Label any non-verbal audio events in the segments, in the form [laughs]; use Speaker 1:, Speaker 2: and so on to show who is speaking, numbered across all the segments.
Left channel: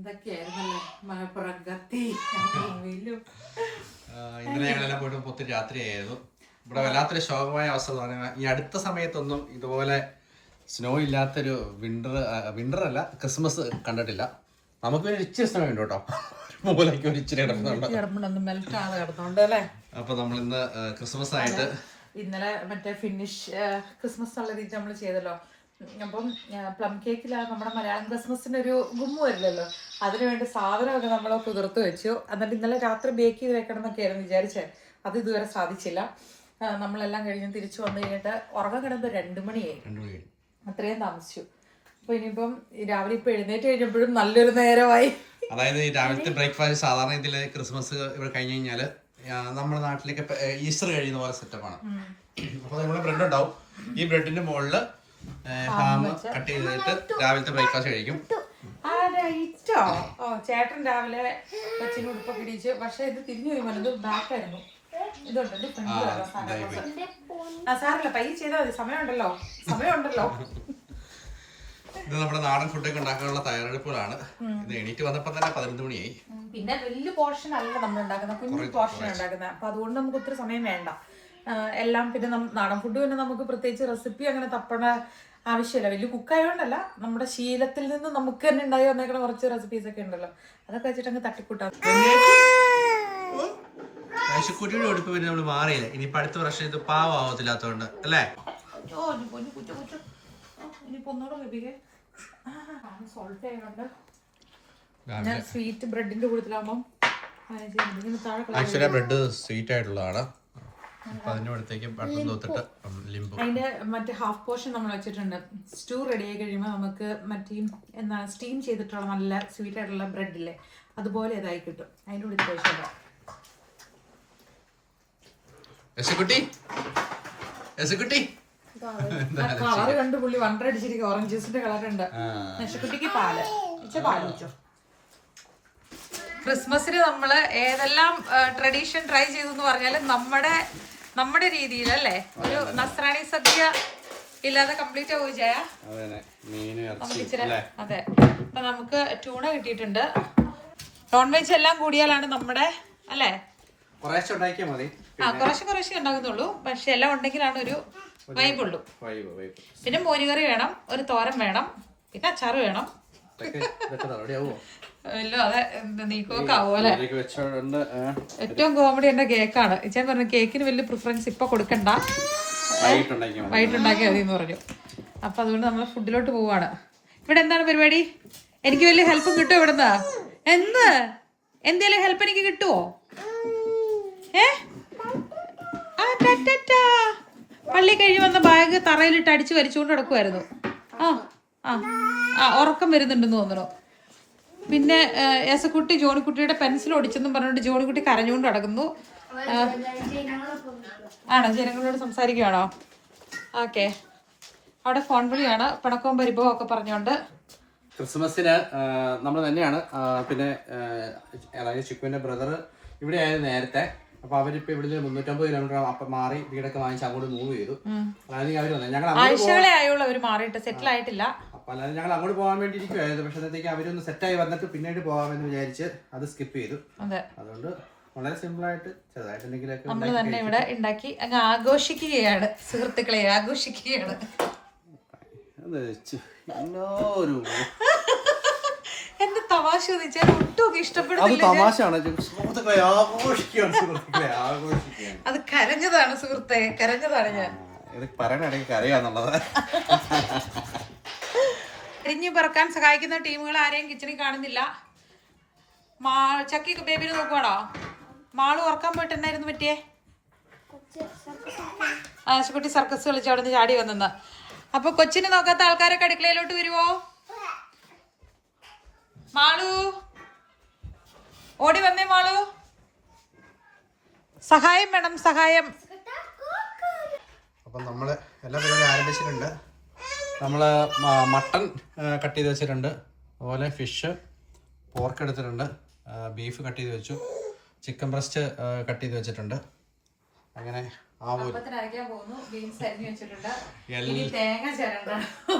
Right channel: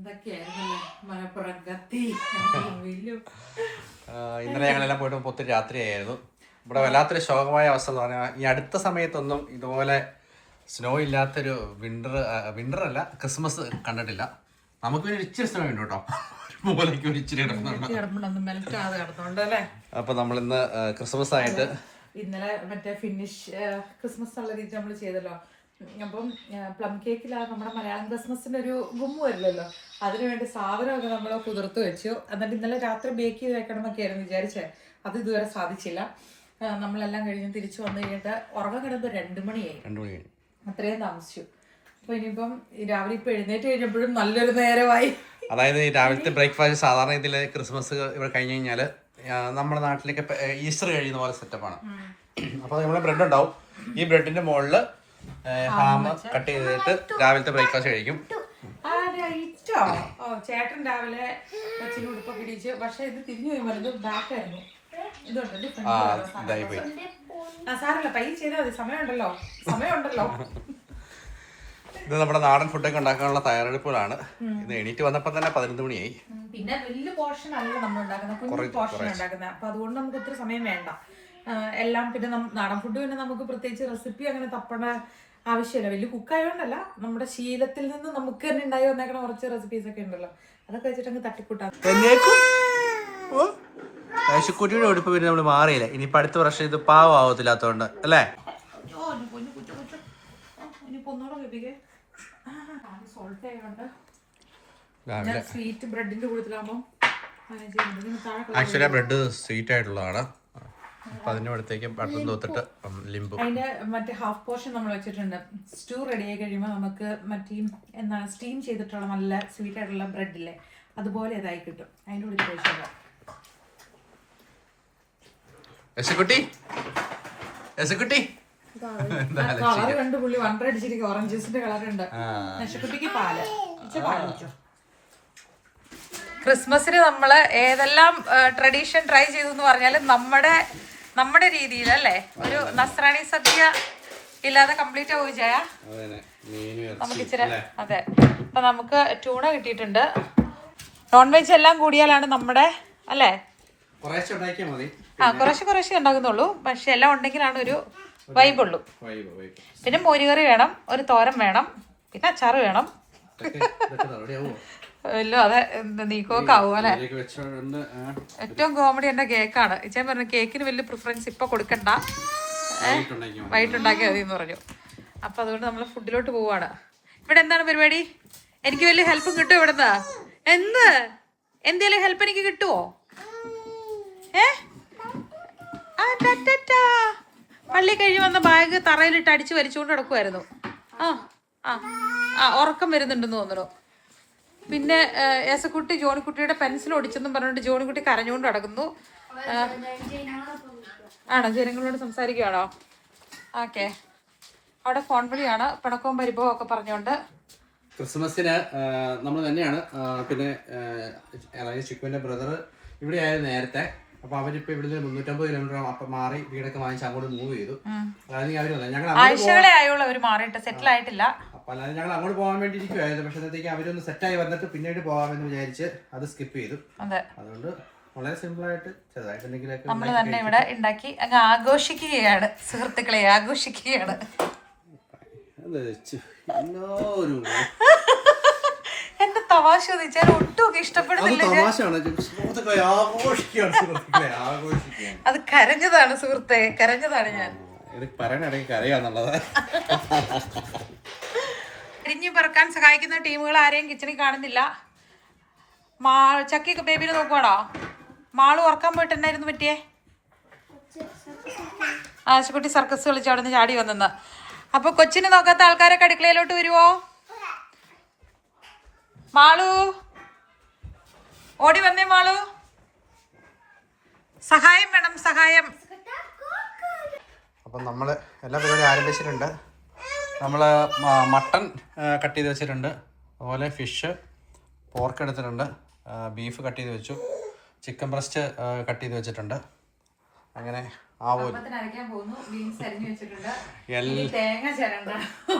Speaker 1: എന്തൊക്കെയായിരുന്നല്ലേ? മലപ്പുറം കത്തി വെയിലും
Speaker 2: ആ, ഇന്നലെ ഞങ്ങളെല്ലാം പോയിട്ട് ഒത്തിരി രാത്രിയായിരുന്നു. ഇവിടെ വല്ലാത്തൊരു ശോകമായ അവസ്ഥ എന്ന് പറഞ്ഞാൽ ഈ അടുത്ത സമയത്തൊന്നും ഇതുപോലെ സ്നോ ഇല്ലാത്തൊരു വിന്റർ വിന്റർ അല്ല ക്രിസ്മസ് കണ്ടിട്ടില്ല. നമുക്ക് പിന്നെ ഇച്ചിരി സ്നോ ഉണ്ട് കേട്ടോ. ഒരു മൂലയ്ക്ക് ഒരു ഇച്ചിരി കിടക്കുന്നുണ്ട് അപ്പൊ നമ്മൾ ഇന്ന് ക്രിസ്മസ് ആയിട്ട്
Speaker 1: ഇന്നലെ മറ്റേ ഫിനിഷ് ക്രിസ്മസ് ഉള്ള രീതി നമ്മൾ ചെയ്തല്ലോ. അപ്പം പ്ലം കേക്കിലാണ് നമ്മുടെ മലയാളം ക്രിസ്മസിന്റെ ഒരു ഗുമ്മു വരില്ലല്ലോ അതിനുവേണ്ടി സാധനമൊക്കെ നമ്മൾ കുതിർത്ത് വെച്ചു. എന്നിട്ട് ഇന്നലെ രാത്രി ബേക്ക് ചെയ്ത് വെക്കണം എന്നൊക്കെ ആയിരുന്നു വിചാരിച്ചേ. അത് ഇതുവരെ സാധിച്ചില്ല. നമ്മളെല്ലാം കഴിഞ്ഞ് തിരിച്ചു വന്നു കഴിഞ്ഞിട്ട് ഉറക്കം കിടന്ന് രണ്ടു മണിയായി. അത്രയും താമസിച്ചു. അപ്പൊ ഇനിയിപ്പം രാവിലെ ഇപ്പൊ എഴുന്നേറ്റ് കഴിഞ്ഞപ്പോഴും നല്ലൊരു നേരമായി.
Speaker 2: അതായത് ഈ രാവിലത്തെ ബ്രേക്ക്ഫാസ്റ്റ് സാധാരണ ഇതിൽ ക്രിസ്മസ് ഇവിടെ കഴിഞ്ഞ് കഴിഞ്ഞാൽ നമ്മുടെ നാട്ടിലേക്ക് ഈസ്റ്റർ കഴിയുന്ന പോലെ സെറ്റപ്പാണ് അപ്പോൾ നമ്മുടെ ബ്രെഡ് ഉണ്ടാവും. ഈ ബ്രെഡിന്റെ മുകളിൽ ഹാം കട്ട് ചെയ്തിട്ട് രാവിലത്തെ ബ്രേക്ക്ഫാസ്റ്റ് കഴിക്കും.
Speaker 1: ഓ ചേട്ടൻ രാവിലെ കൊച്ചിന് ഉടുപ്പൊക്കെ ഇടിച്ച് പക്ഷെ ഇത് തിരിഞ്ഞു പോയി മരുന്ന് ബാക്കായിരുന്നു ഇതുണ്ട് പൈ ചെയ്താൽ മതി. സമയമുണ്ടല്ലോ. സമയമുണ്ടല്ലോ.
Speaker 2: ഇത് നമ്മുടെ നാടൻ ഫുഡൊക്കെ ഉണ്ടാക്കാനുള്ള തയ്യാറെടുപ്പുകളാണ്. ഇത് എണീറ്റ് വന്നപ്പോൾ തന്നെ പതിനൊന്ന് മണിയായി.
Speaker 1: പിന്നെ വലിയ പോർഷൻ അല്ല നമ്മൾ ഉണ്ടാക്കുന്നത്. കുഞ്ഞു പോർഷൻ ഉണ്ടാക്കുന്ന അപ്പൊ അതുകൊണ്ട് നമുക്ക് ഒത്തിരി സമയം വേണ്ട. എല്ലാം പിന്നെ നാടൻ ഫുഡ് പിന്നെ നമുക്ക് പ്രത്യേകിച്ച് റെസിപ്പി അങ്ങനെ തപ്പണ ആവശ്യമില്ല. വലിയ കുക്കായതുകൊണ്ടല്ല നമ്മുടെ ശീലത്തിൽ നിന്ന് നമുക്ക് തന്നെ ഉണ്ടായി വന്നേക്കണ കുറച്ച് റെസിപ്പീസ് ഒക്കെ ഉണ്ടല്ലോ. അതൊക്കെ വെച്ചിട്ട് അങ്ങ് തട്ടിക്കൂട്ടാം.
Speaker 2: കുട്ടിയുടെ ഉടുപ്പ് പിന്നെ നമ്മൾ മാറിയില്ല? ഇനിയിപ്പോ അടുത്ത വർഷം ഇത് പാവാവത്തില്ലാത്തോണ്ട് അല്ലേ?
Speaker 1: സ്വീറ്റ് ബ്രെഡിന്റെ കൂടുതലാകുമ്പോൾ
Speaker 2: ആക്ച്വലി ബ്രെഡ് സ്വീറ്റ് ആയിട്ടുള്ളതാണ്. അപ്പൊ അതിന്റെ അടുത്തേക്ക് ബട്ടൺ തോത്തിട്ട് ലിംബു
Speaker 1: അതിന്റെ മറ്റേ ഹാഫ് പോർഷൻ നമ്മൾ വെച്ചിട്ടുണ്ട്. സ്റ്റൂ റെഡി ആയി കഴിയുമ്പോൾ നമുക്ക് മറ്റേ എന്താ സ്റ്റീം ചെയ്തിട്ടുള്ള നല്ല സ്വീറ്റ് ആയിട്ടുള്ള ബ്രെഡ് ഇല്ലേ അതുപോലെ ഇതായി കിട്ടും. അതിന്റെ കൂടി കഴിച്ചാൽ
Speaker 2: എസക്കുട്ടി എസക്കുട്ടി
Speaker 1: കളർ രണ്ട് പുള്ളി വണ്ടർ അടിച്ചിരിക്കും ഓറഞ്ച് ജ്യൂസിന്റെ കളർ ഉണ്ട്. യശുക്കുട്ടിക്ക് പാൽ. പാൽ വെച്ചോ ക്രിസ്മസിന് നമ്മൾ ഏതെല്ലാം ട്രഡീഷൻ ട്രൈ ചെയ്തു എന്ന് പറഞ്ഞാൽ നമ്മുടെ നമ്മുടെ രീതിയിൽ അല്ലേ ഒരു നസ്രാണി സദ്യ ഇല്ലാതെ കംപ്ലീറ്റ് ആവുക നമുക്ക് ഇച്ചിരി അതെ. അപ്പൊ നമുക്ക് ട്യൂണ കിട്ടിയിട്ടുണ്ട്. നോൺ വെജ് എല്ലാം കൂടിയാലാണ് നമ്മുടെ അല്ലേ? ആ കുറച്ച് കുറച്ച് ഉണ്ടാക്കുന്നുള്ളൂ പക്ഷെ എല്ലാം ഉണ്ടെങ്കിലാണ് ഒരു വൈബ് ഉള്ളൂ. പിന്നെ മോരുകറി വേണം ഒരു തോരം വേണം പിന്നെ അച്ചാറ് വേണം. ഏറ്റവും കോമഡി എന്റെ കേക്കാണ്. ഇച്ചാൻ പറഞ്ഞു കേക്കിന് വലിയ പ്രിഫറൻസ് ഇപ്പൊ കൊടുക്കണ്ട.
Speaker 2: വൈകിട്ടുണ്ടാക്കി മതി.
Speaker 1: എന്ന് പറഞ്ഞു. അപ്പൊ അതുകൊണ്ട് നമ്മൾ ഫുഡിലോട്ട് പോവാണ്. ഇവിടെ എന്താണ് പരിപാടി? എനിക്ക് വലിയ ഹെൽപ്പ് കിട്ടുമോ ഇവിടുന്ന്? എന്ത് എന്തേലും ഹെൽപ്പ് എനിക്ക് കിട്ടുമോ ഏ. പള്ളി കഴിഞ്ഞ് വന്ന ബാഗ് തറയിലിട്ട് അടിച്ച് വലിച്ചുകൊണ്ട് നടക്കുമായിരുന്നു ആ ആ ആ ഉറക്കം വരുന്നുണ്ടെന്ന് തോന്നുന്നു പിന്നെ ഏസക്കുട്ടി ജോണിക്കുട്ടിയുടെ പെൻസിൽ ഒടിച്ചെന്നും പറഞ്ഞുകൊണ്ട് ജോണിക്കുട്ടി കരഞ്ഞുകൊണ്ട് നടക്കുന്നു. ആണോ? ജനങ്ങളോട് സംസാരിക്കുകയാണോ ഓക്കെ. അവിടെ ഫോൺ വിളിയാണ്. പിണക്കവും പരിഭവം ഒക്കെ പറഞ്ഞുകൊണ്ട്.
Speaker 2: ക്രിസ്മസിന് നമ്മൾ തന്നെയാണ്. പിന്നെ അതായത് ചിക്കുവിന്റെ ബ്രദർ ഇവിടെ ആയിരുന്നു നേരത്തെ. അപ്പൊ അവരിപ്പോ ഇവിടുന്ന് മുന്നൂറ്റമ്പത് കിലോമീറ്റർ അപ്പൊ മാറി വീടൊക്കെ വാങ്ങിച്ച് അങ്ങോട്ട് മൂവ് ചെയ്തു. അതായത് അവർ ഞങ്ങൾ
Speaker 1: ആഴ്ചകളെ ആയുള്ളൂ അവർ മാറിയിട്ട് സെറ്റിൽ ആയിട്ടില്ല.
Speaker 2: അപ്പൊ അല്ലാതെ ഞങ്ങൾ അങ്ങോട്ട് പോകാൻ വേണ്ടി ഇരിക്കുവായിരുന്നു പക്ഷെ അന്നത്തേക്ക് അവരൊന്ന് സെറ്റായി വന്നിട്ട് പിന്നീട് പോകാമെന്ന് വിചാരിച്ച് അത് സ്കിപ്പ് ചെയ്തു.
Speaker 1: അതെ.
Speaker 2: അതുകൊണ്ട് വളരെ സിമ്പിൾ ആയിട്ട് ചെറുതായിട്ട് എന്തെങ്കിലുമൊക്കെ
Speaker 1: നമ്മൾ തന്നെ ഇവിടെ ഉണ്ടാക്കി അങ്ങ് ആഘോഷിക്കുകയാണ്. സുഹൃത്തുക്കളെ ആഘോഷിക്കുകയാണ്. എന്റെ തമാശ ചോദിച്ചാൽ ഒട്ടും
Speaker 2: അത്
Speaker 1: ഇഷ്ടപ്പെടുന്നില്ല കരഞ്ഞതാണ് സുഹൃത്തെ കരഞ്ഞതാണ് ഞാൻ.
Speaker 2: ഇത് പറയണിടയ്ക്ക്
Speaker 1: ഇരിഞ്ഞു പറക്കാൻ സഹായിക്കുന്ന ടീമുകൾ ആരെയും കിച്ചണിൽ കാണുന്നില്ല. മാ ചക്കി ബേബിനെ നോക്കുവാണോ? മാൾ ഉറക്കാൻ പോയിട്ടുണ്ടായിരുന്നു പറ്റിയേ? ആശുപത്രി സർക്കസ് കളിച്ച് അവിടെ നിന്ന് ചാടി വന്നെന്ന്. അപ്പൊ കൊച്ചിനെ നോക്കാത്ത ആൾക്കാരൊക്കെ അടുക്കളയിലോട്ട് വരുവോ? മാളു? ഓടി വന്നേ മാളു. സഹായം വേണം സഹായം.
Speaker 2: അപ്പം നമ്മൾ എല്ലാ പരിപാടിയും ആരംഭിച്ചിട്ടുണ്ട്. നമ്മൾ മട്ടൺ കട്ട് ചെയ്ത് വെച്ചിട്ടുണ്ട് അതുപോലെ ഫിഷ് പോർക്ക് എടുത്തിട്ടുണ്ട് ബീഫ് കട്ട് ചെയ്ത് വെച്ചു ചിക്കൻ ബ്രസ്റ്റ് കട്ട് ചെയ്ത് വെച്ചിട്ടുണ്ട് അങ്ങനെ ആവൂല
Speaker 1: തേങ്ങ ചിരണ്ട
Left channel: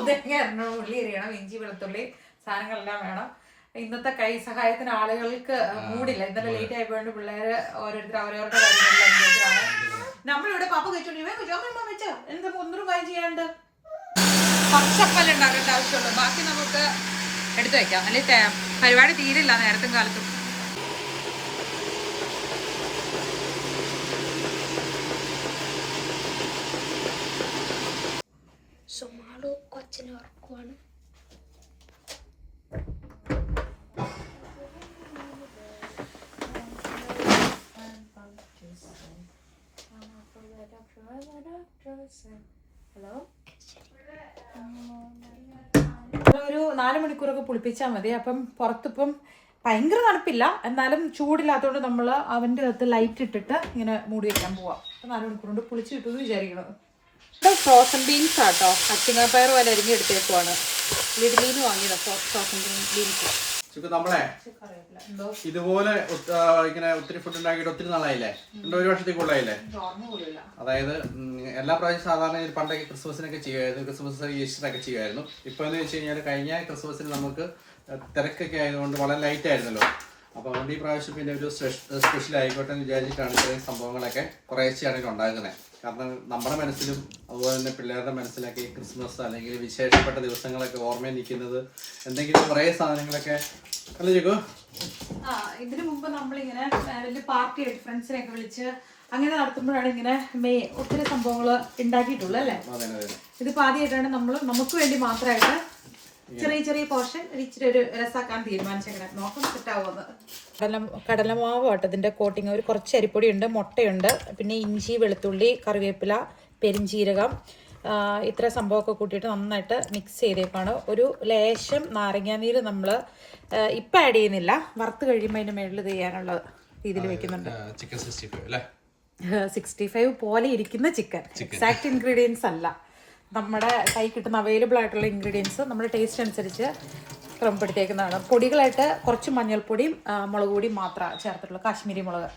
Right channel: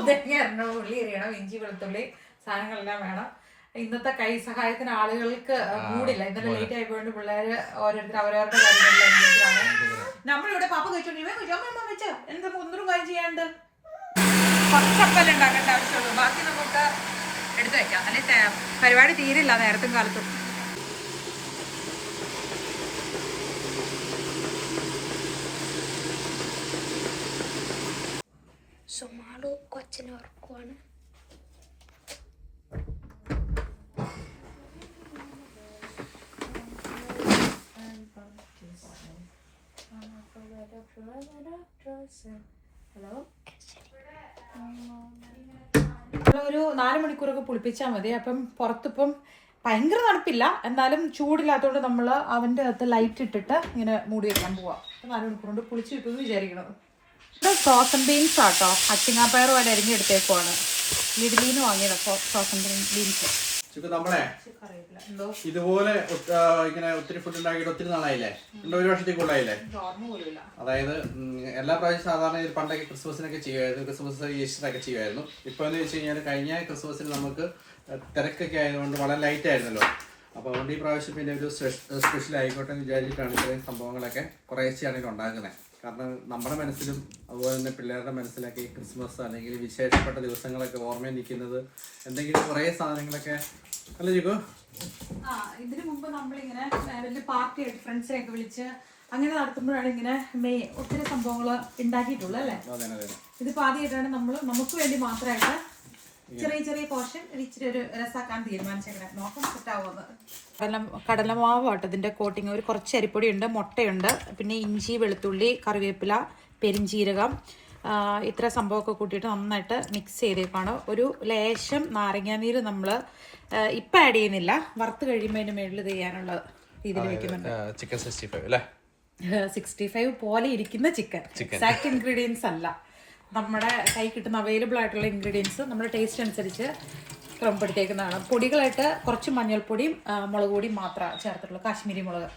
Speaker 1: തേങ്ങ ഉള്ളി എറിയണം ഇഞ്ചി വെളുത്തുള്ളി സാധനങ്ങളെല്ലാം വേണം ഇന്നത്തെ കൈ സഹായത്തിന് ആളുകൾക്ക് മൂടില്ല ഇന്നലെ ലേറ്റ് ആയപ്പോഴുണ്ട് പിള്ളേര് ഓരോരുത്തർ അവരവരുടെ ആണ് നമ്മളിവിടെ പപ്പ കഴിച്ചോണ്ട് ഇവൻ കഴിച്ചു അമ്മ വെച്ചോ എന്താ ഒന്നും കാര്യം ചെയ്യാണ്ട് കുറച്ചപ്പല്ലേ ഉണ്ടാക്കേണ്ട ആവശ്യമുള്ളൂ. ബാക്കി നമുക്ക് എടുത്തു വെക്കാം അല്ലെ പരിപാടി തീരില്ല നേരത്തും കാലത്തും.
Speaker 3: സുമാളു കൊച്ചിനെ ഉറക്കുവാണ്. ഹലോ
Speaker 1: ഒരു നാല് മണിക്കൂറൊക്കെ പുളിപ്പിച്ചാൽ മതി. അപ്പം പുറത്തിപ്പം ഭയങ്കര തണുപ്പില്ല. എന്നാലും ചൂടില്ലാത്തതുകൊണ്ട് നമ്മൾ അവന്റെ അകത്ത് ലൈറ്റ് ഇട്ടിട്ട് ഇങ്ങനെ മൂടി വെക്കാൻ പോവാം. അപ്പം നാല് മണിക്കൂർ കൊണ്ട് പുളിച്ച് കിട്ടുമെന്ന് വിചാരിക്കണം ഇവിടെ ഫ്രോസൺ ബീൻസ് ആട്ടോ. അച്ചിങ്ങാപ്പയർ പോലെ അരിഞ്ഞെടുത്തേക്കുവാണ്. ലിഡിലീന്ന് വാങ്ങിയത്. ഫ്രോസൺ ബീൻസ്
Speaker 2: ചിക്കു നമ്മളെ ഇതുപോലെ ഇങ്ങനെ ഒത്തിരി ഫുഡ് ഉണ്ടാക്കിയിട്ട് ഒത്തിരി നാളായില്ലേ? ഉണ്ട് ഒരു വർഷത്തിൽ കൂടുതലായില്ലേ അതായത് എല്ലാ പ്രാവശ്യം സാധാരണ പണ്ടൊക്കെ ക്രിസ്മസിനൊക്കെ ചെയ്യുമായിരുന്നു ക്രിസ്മസ് ഈസ്റ്ററൊക്കെ ചെയ്യുമായിരുന്നു. ഇപ്പോൾ എന്ന് വെച്ച് കഴിഞ്ഞാൽ കഴിഞ്ഞ ക്രിസ്മസിന് നമുക്ക് തിരക്കൊക്കെ ആയതുകൊണ്ട് വളരെ ലൈറ്റ് ആയിരുന്നല്ലോ. അപ്പോൾ അതുകൊണ്ട് ഈ പ്രാവശ്യം പിന്നെ ഒരു സ്പെഷ്യൽ ആയിക്കോട്ടെ എന്ന് വിചാരിച്ചിട്ടാണ് ഇത്രയും സംഭവങ്ങളൊക്കെ കുറേശ്ശെയാണ് ഇത് ഉണ്ടാക്കുന്നത് കാരണം നമ്മുടെ മനസ്സിലും അതുപോലെ തന്നെ പിള്ളേരുടെ മനസ്സിലൊക്കെ ക്രിസ്മസ് അല്ലെങ്കിൽ വിശേഷപ്പെട്ട ദിവസങ്ങളൊക്കെ ഓർമ്മയിൽ നിൽക്കുന്നത് എന്തെങ്കിലും കുറേ സാധനങ്ങളൊക്കെ അല്ലേ ചേക്കോ?
Speaker 1: ആ ഇതിനു മുമ്പ് നമ്മളിങ്ങനെ വലിയ പാർട്ടി ഫ്രണ്ട്സിനെയൊക്കെ വിളിച്ച് അങ്ങനെ നടത്തുമ്പോഴാണ് ഇങ്ങനെ മെയ് ഒത്തിരി സംഭവങ്ങൾ ഉണ്ടാക്കിയിട്ടുള്ളത് അല്ലേ? ഇതിപ്പോ ആദ്യമായിട്ടാണ് നമ്മൾ നമുക്ക് വേണ്ടി മാത്രമായിട്ട് ചെറിയ ചെറിയ പോർഷൻ ഇച്ചിരി ഒരു രസാക്കാൻ തീരുമാനിച്ചേക്കണേ. നോക്കാം സെറ്റാവുമെന്ന് കടല കടലമാവ് ആട്ടോ ഇതിന്റെ കോട്ടിങ് ഒരു കുറച്ച് അരിപ്പൊടി ഉണ്ട് മുട്ടയുണ്ട് പിന്നെ ഇഞ്ചി വെളുത്തുള്ളി കറിവേപ്പില പെരിഞ്ചീരകം. ഇത്ര സംഭവമൊക്കെ കൂട്ടിയിട്ട് നന്നായിട്ട് മിക്സ് ചെയ്തേക്കാണ്. ഒരു ലേശം നാരങ്ങാനീര് നമ്മൾ ഇപ്പം ആഡ് ചെയ്യുന്നില്ല. വറുത്ത് കഴിയുമ്പോൾ അതിന്റെ മുകളിൽ ഇത് ചെയ്യാനുള്ള രീതിയിൽ വെക്കുന്നുണ്ട്.
Speaker 2: ചിക്കൻ സിക്സ്റ്റി ഫൈവ് അല്ലേ?
Speaker 1: സിക്സ്റ്റി ഫൈവ് പോലെ ഇരിക്കുന്ന ചിക്കൻ എക്സാക്ട് ഇൻഗ്രീഡിയൻസ് അല്ല. നമ്മുടെ കൈ കിട്ടുന്ന അവൈലബിൾ ആയിട്ടുള്ള ഇൻഗ്രീഡിയൻസ് നമ്മുടെ ടേസ്റ്റ് അനുസരിച്ച് ക്രമപ്പെടുത്തിയേക്കുന്നതാണ്. പൊടികളായിട്ട് കുറച്ച് മഞ്ഞൾപ്പൊടിയും മുളക് പൊടിയും മാത്രമാണ് ചേർത്തിട്ടുള്ളൂ. കാശ്മീരി മുളക്.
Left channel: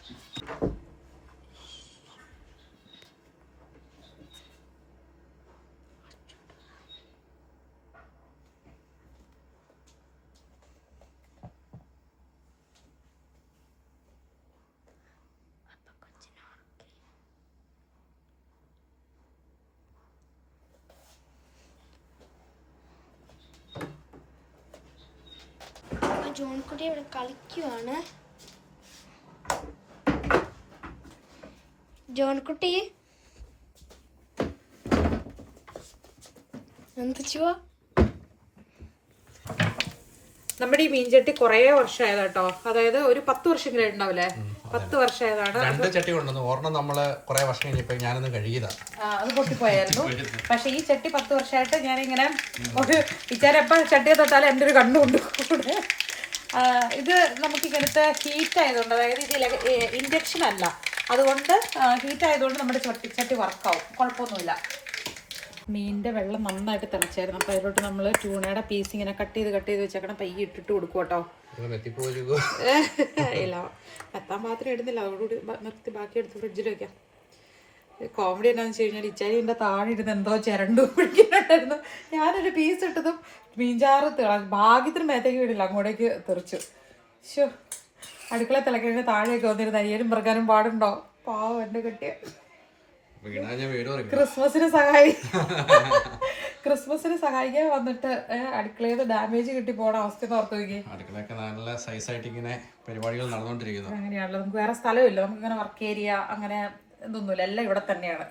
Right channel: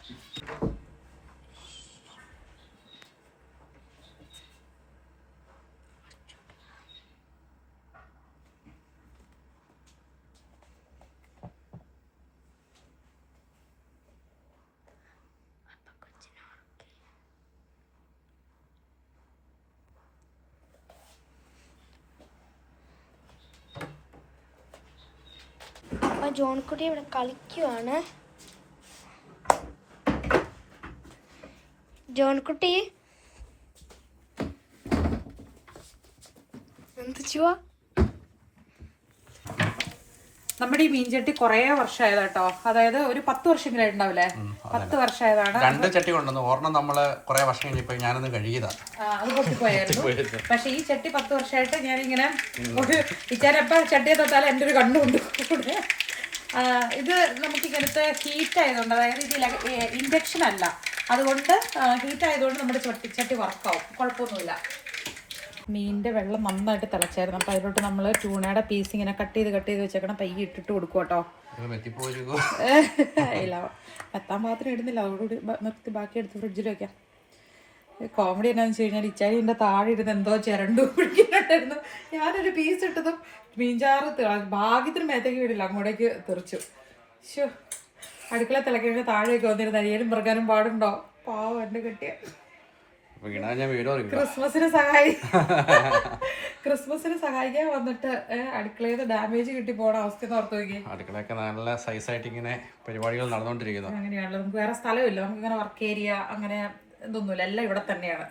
Speaker 3: ജോൺകുട്ടി ഇവിടെ കളിക്കുവാണ്. ജോൺകുട്ടി
Speaker 1: നമ്മുടെ ഈ മീൻചട്ടി കുറേ വർഷമായത് കേട്ടോ അതായത് ഒരു പത്ത് വർഷമെങ്കിലും ഉണ്ടാവില്ലേ പത്ത് വർഷമായതാണ്.
Speaker 2: രണ്ട് ചട്ടി കൊണ്ടുവന്നു. ഒരെണ്ണം നമ്മൾ കുറെ വർഷം കഴിഞ്ഞപ്പോ ഞാനൊന്ന് കഴുകിയതാ.
Speaker 1: അത് പൊട്ടിപ്പോയായിരുന്നു. പക്ഷെ ഈ ചട്ടി പത്ത് വർഷമായിട്ട് ഞാനിങ്ങനെ ഒരു ഇച്ചാരപ്പ ചട്ടിയെ തൊട്ടാൽ എന്റെ ഒരു കണ്ണുകൊണ്ട് കൂടെ. ഇത് നമുക്ക് ഇങ്ങനത്തെ ഹീറ്റ് ആയതുകൊണ്ട് അതായത് ഇത് ഇൻഡക്ഷൻ അല്ല. അതുകൊണ്ട് ഹീറ്റ് ആയതുകൊണ്ട് നമ്മുടെ ചട്ടി ചട്ടി വർക്കാവും കുഴപ്പമൊന്നുമില്ല. മീനിന്റെ വെള്ളം നന്നായിട്ട് തിളച്ചായിരുന്നു. അപ്പോൾ അതിലോട്ട് നമ്മൾ ടൂണയുടെ പീസ് ഇങ്ങനെ കട്ട് ചെയ്ത് കട്ട് ചെയ്ത് വെച്ചേക്കണം. പയ്യെ ഇട്ടിട്ട് കൊടുക്കും കേട്ടോ. [laughs] ഇല്ല. എത്താൻ പാത്രം ഇടുന്നില്ല. അതോടുകൂടി നിർത്തി ബാക്കി എടുത്ത് ഫ്രിഡ്ജിൽ വെക്കാം. കോമഡി എന്നാന്ന് വെച്ച് കഴിഞ്ഞാൽ ഇച്ചാരിന്റെ താഴെ ഇരുന്ന് എന്തോ ചിരണ്ടു പിടിക്കുന്നുണ്ടായിരുന്നു ഞാനൊരു പീസ് ഇട്ടതും മീൻചാറ് ഭാഗ്യത്തിന് മേത്തേക്ക് വീടില്ല അങ്ങോട്ടേക്ക് തെറിച്ചു. ശോ അടുക്കള തിളക്കുന്നതിന് താഴേക്ക് വന്നിരുന്ന അരിയനും മൃഗാനും പാടുണ്ടോ? പാവം എന്റെ കെട്ടിയ. ക്രിസ്മസിന് സഹായി. ക്രിസ്മസിന് സഹായിക്കാൻ വന്നിട്ട് അടുക്കളയിൽ ഡാമേജ് കിട്ടി പോണ അവസ്ഥ ഓർത്ത് നോക്കി
Speaker 2: അടുക്കളയൊക്കെ നല്ല സൈസായിട്ട് ഇങ്ങനെ പരിപാടികൾ നടന്നുകൊണ്ടിരിക്കുന്നു
Speaker 1: അങ്ങനെയാണല്ലോ. നമുക്ക് വേറെ സ്ഥലമില്ല. നമുക്ക് ഇങ്ങനെ വർക്ക് ഏരിയ അങ്ങനെ ഇതൊന്നുമില്ല എല്ലാം ഇവിടെ തന്നെയാണ്.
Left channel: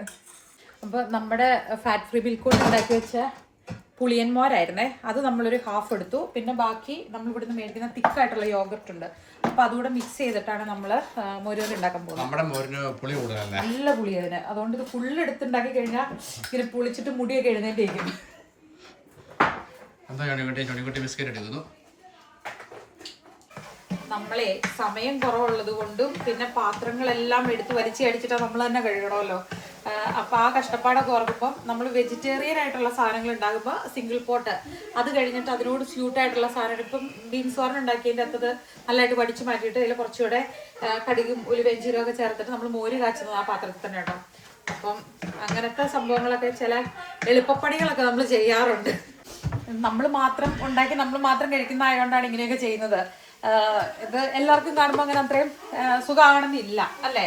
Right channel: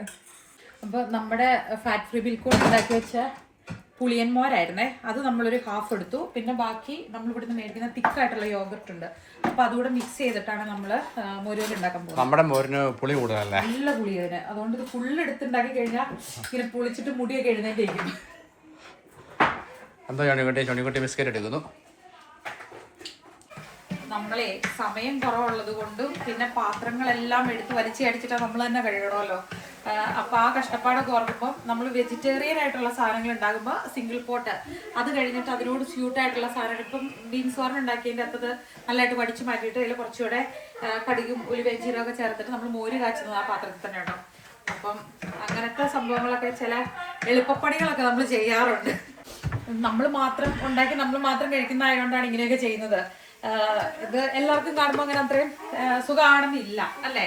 Speaker 1: അപ്പോൾ നമ്മുടെ ഫാറ്റ് ഫ്രീ മിൽക്ക് ഉണ്ടാക്കി വെച്ച പുളിയന്മാരായിരുന്നേ അത് നമ്മളൊരു ഹാഫ് എടുത്തു. പിന്നെ ബാക്കി നമ്മൾ ഇവിടെ നിന്ന് മേടിക്കുന്ന തിക്കായിട്ടുള്ള യോഗർട്ട് ഉണ്ട്. അപ്പോൾ അതുകൂടെ മിക്സ് ചെയ്തിട്ടാണ് നമ്മൾ മോരുകറി ഉണ്ടാക്കാൻ പോകുന്നത്.
Speaker 2: നമ്മുടെ മോരിന് പുളി കൂടുതലല്ലേ?
Speaker 1: നല്ല പുളി അതിന്. അതുകൊണ്ട് ഇത് ഫുള്ള് എടുത്തുണ്ടാക്കി കഴിഞ്ഞാൽ ഇങ്ങനെ പുളിച്ചിട്ട് മുടിയൊക്കെ എഴുന്നേറ്റിരിക്കും.
Speaker 2: എന്താ ചണിക്കുട്ടി ചണിക്കുട്ടി ബിസ്ക്കറ്റ് എടുക്കുന്നു
Speaker 1: നമ്മളെ സമയം കുറവുള്ളത് കൊണ്ടും പിന്നെ പാത്രങ്ങളെല്ലാം എടുത്ത് വലിച്ച് അടിച്ചിട്ട് നമ്മൾ തന്നെ കഴുകണമല്ലോ. അപ്പൊ ആ കഷ്ടപ്പാടൊക്കെ ഓർക്കുമ്പോൾ നമ്മൾ വെജിറ്റേറിയൻ ആയിട്ടുള്ള സാധനങ്ങൾ ഉണ്ടാകുമ്പോൾ സിംഗിൾ പോട്ട് അത് കഴിഞ്ഞിട്ട് അതിനോട് സ്യൂട്ട് ആയിട്ടുള്ള സാധനം. ഇപ്പം ബീൻസ് ഓർൺ ഉണ്ടാക്കിയതിന്റെ അകത്തത് നല്ലതായിട്ട് വടിച്ചു മാറ്റിയിട്ട് അതിൽ കുറച്ചുകൂടെ കടുകും ഉലുവയും ജീരകമൊക്കെ ചേർത്തിട്ട് നമ്മൾ മോര് കാച്ചുന്നത് ആ പാത്രത്തിൽ തന്നെ കേട്ടോ. അപ്പം അങ്ങനത്തെ സംഭവങ്ങളൊക്കെ ചില എളുപ്പപ്പണികളൊക്കെ നമ്മൾ ചെയ്യാറുണ്ട്. നമ്മൾ മാത്രം ഉണ്ടാക്കി നമ്മൾ മാത്രം കഴിക്കുന്ന ആയതുകൊണ്ടാണ് ഇങ്ങനെയൊക്കെ ചെയ്യുന്നത്. ഇത് എല്ലാവർക്കും കാണുമ്പോൾ അങ്ങനെ അത്രയും സുഖമാണെന്നില്ല അല്ലേ?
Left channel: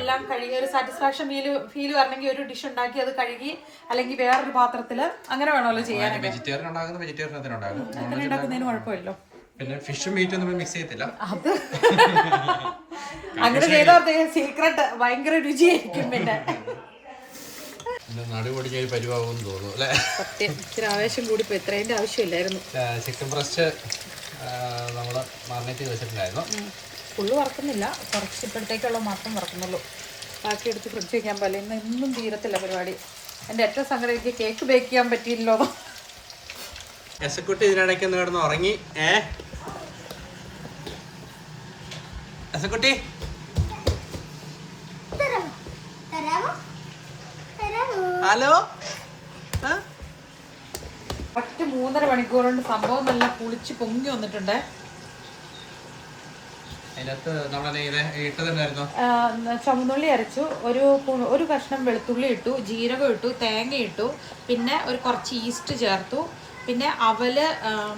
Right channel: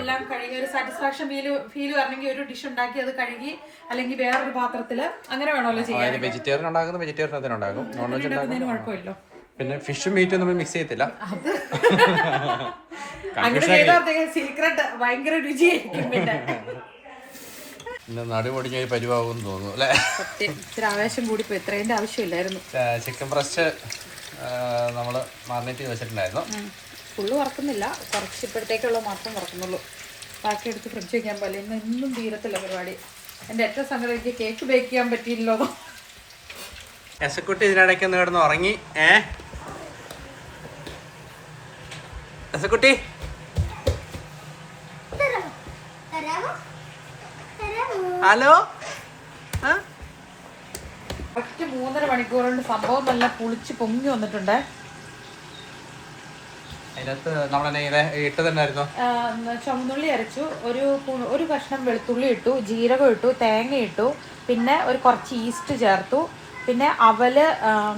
Speaker 1: എല്ലാം കഴുകി ഒരു സാറ്റിസ്ഫാക്ഷൻ ഫീൽ ഫീൽ വരണമെങ്കിൽ ഒരു ഡിഷ് ഉണ്ടാക്കി അത് കഴുകി അല്ലെങ്കിൽ വേറൊരു പാത്രത്തിൽ അങ്ങനെ വേണമല്ലോ ചെയ്യാൻ
Speaker 2: വെജിറ്റേറിയൻ ഉണ്ടാക്കുന്ന വെജിറ്റേറിയൻ ഉണ്ടാക്കും.
Speaker 1: ഉണ്ടാക്കുന്നതിന് കുഴപ്പമില്ലല്ലോ.
Speaker 2: പിന്നെ ഫിഷും മീറ്റും നമ്മൾ മിക്സ് ചെയ്യത്തില്ല.
Speaker 1: അത് അങ്ങനെ ചെയ്താൽ സീക്രട്ട് ഭയങ്കര രുചിയായിരിക്കും പിന്നെ.
Speaker 2: പിന്നെ നടുപൊടിഞ്ഞ പരിവാകുമെന്ന് തോന്നുന്നു അല്ലേ?
Speaker 1: ആവേശം കൂടി ഇത്രേന്റെ ആവശ്യമില്ലായിരുന്നു.
Speaker 2: ചിക്കൻ ബ്രസ്റ്റ് നമ്മൾ മാറിനേറ്റ് ചെയ്ത് വെച്ചിട്ടുണ്ടായിരുന്നു.
Speaker 1: ഫുള്ള് വറക്കുന്നില്ല. കുറച്ച് ഇപ്പോഴത്തേക്കുള്ള മാത്രം വറക്കുന്നുള്ളൂ. ബാക്കി എടുത്ത് ഫ്രിഡ്ജ് വയ്ക്കാൻ പോലെ ഇന്ന് ഇന്നും തീരത്തില്ല പരിപാടി. എന്റെ ഏറ്റവും സങ്കടം എനിക്ക് കേക്ക് ബേക്ക് ചെയ്യാൻ പറ്റിയില്ലോ
Speaker 2: എസക്കുട്ടി ഇതിനിടയ്ക്ക് ഒന്ന് കിടന്ന് ഉറങ്ങി. ഏ? എസക്കുട്ടി? ഹലോ? ആ?
Speaker 1: ഒറ്റ മൂന്നര മണിക്കൂർ കൊണ്ട് സംഭവം നല്ല പുളിച്ച് പൊങ്ങി വന്നിട്ടുണ്ട്. ചുമന്നുള്ളി അരച്ചു. ഒരു ഒരു കഷ്ണം വെളുത്തുള്ളി ഇട്ടു ജീരകം ഇട്ടു തേങ്ങ ഇട്ടു പിന്നെ ഒരു കുറച്ച് ഈസ്റ്റ് ചേർത്തു. പിന്നെ അവൽ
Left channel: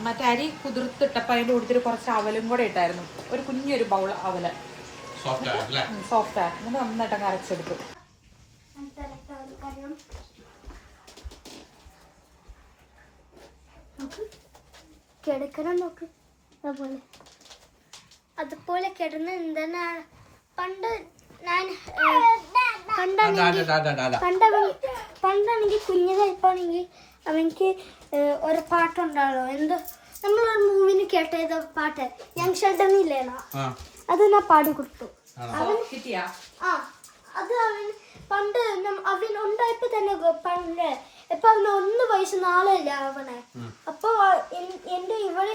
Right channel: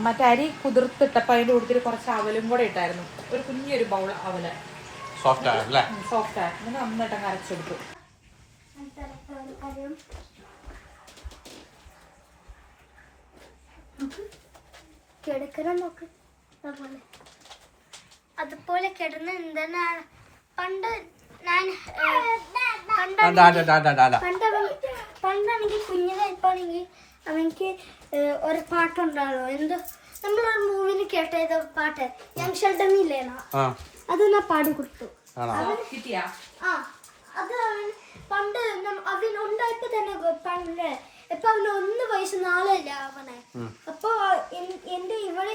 Speaker 1: മറ്റേ അരി കുതിർത്തിട്ടപ്പോൾ അതിന്റെ കൂടുതൽ കുറച്ച് അവലും കൂടെ ഇട്ടായിരുന്നു. ഒരു കുഞ്ഞൊരു ബൗൾ അവൽ.
Speaker 2: സോഫ്റ്റ് ആണ് അല്ലേ
Speaker 1: സോഫ്റ്റ് എന്നിട്ട് നന്നായിട്ട് അരച്ചെടുത്തു.
Speaker 3: കിടക്കണം നോക്ക്. അതുപോലെ. അതുപോലെ കിടന്ന് എന്താ പണ്ട് ഞാൻ
Speaker 2: ഒരു
Speaker 3: പാട്ടുണ്ടാകും നമ്മൾ പണ്ടാണെങ്കിൽ കുഞ്ഞതായിപ്പോണെങ്കിൽ അവൻക്ക് ഏഹ്, ഒരു പാട്ടുണ്ടാണോ എന്ത്? നമ്മളൊരു മൂവിന് കേട്ട ഏതോ പാട്ട്? യങ് ഷെൽഡനില്ലേണോ
Speaker 2: ആ.
Speaker 3: അത് ഞാൻ പാടി കൊടുത്തു.
Speaker 2: അവൻ
Speaker 1: കിട്ടിയാ
Speaker 3: ആ അത് അവൻ പണ്ട് അവൻ ഉണ്ടായപ്പോ തന്നെ പണ്ട് ഇപ്പൊ അവന് ഒന്ന് വയസ്സ് നാളല്ല അവനെ. അപ്പൊ എന്റെ ഇവൾ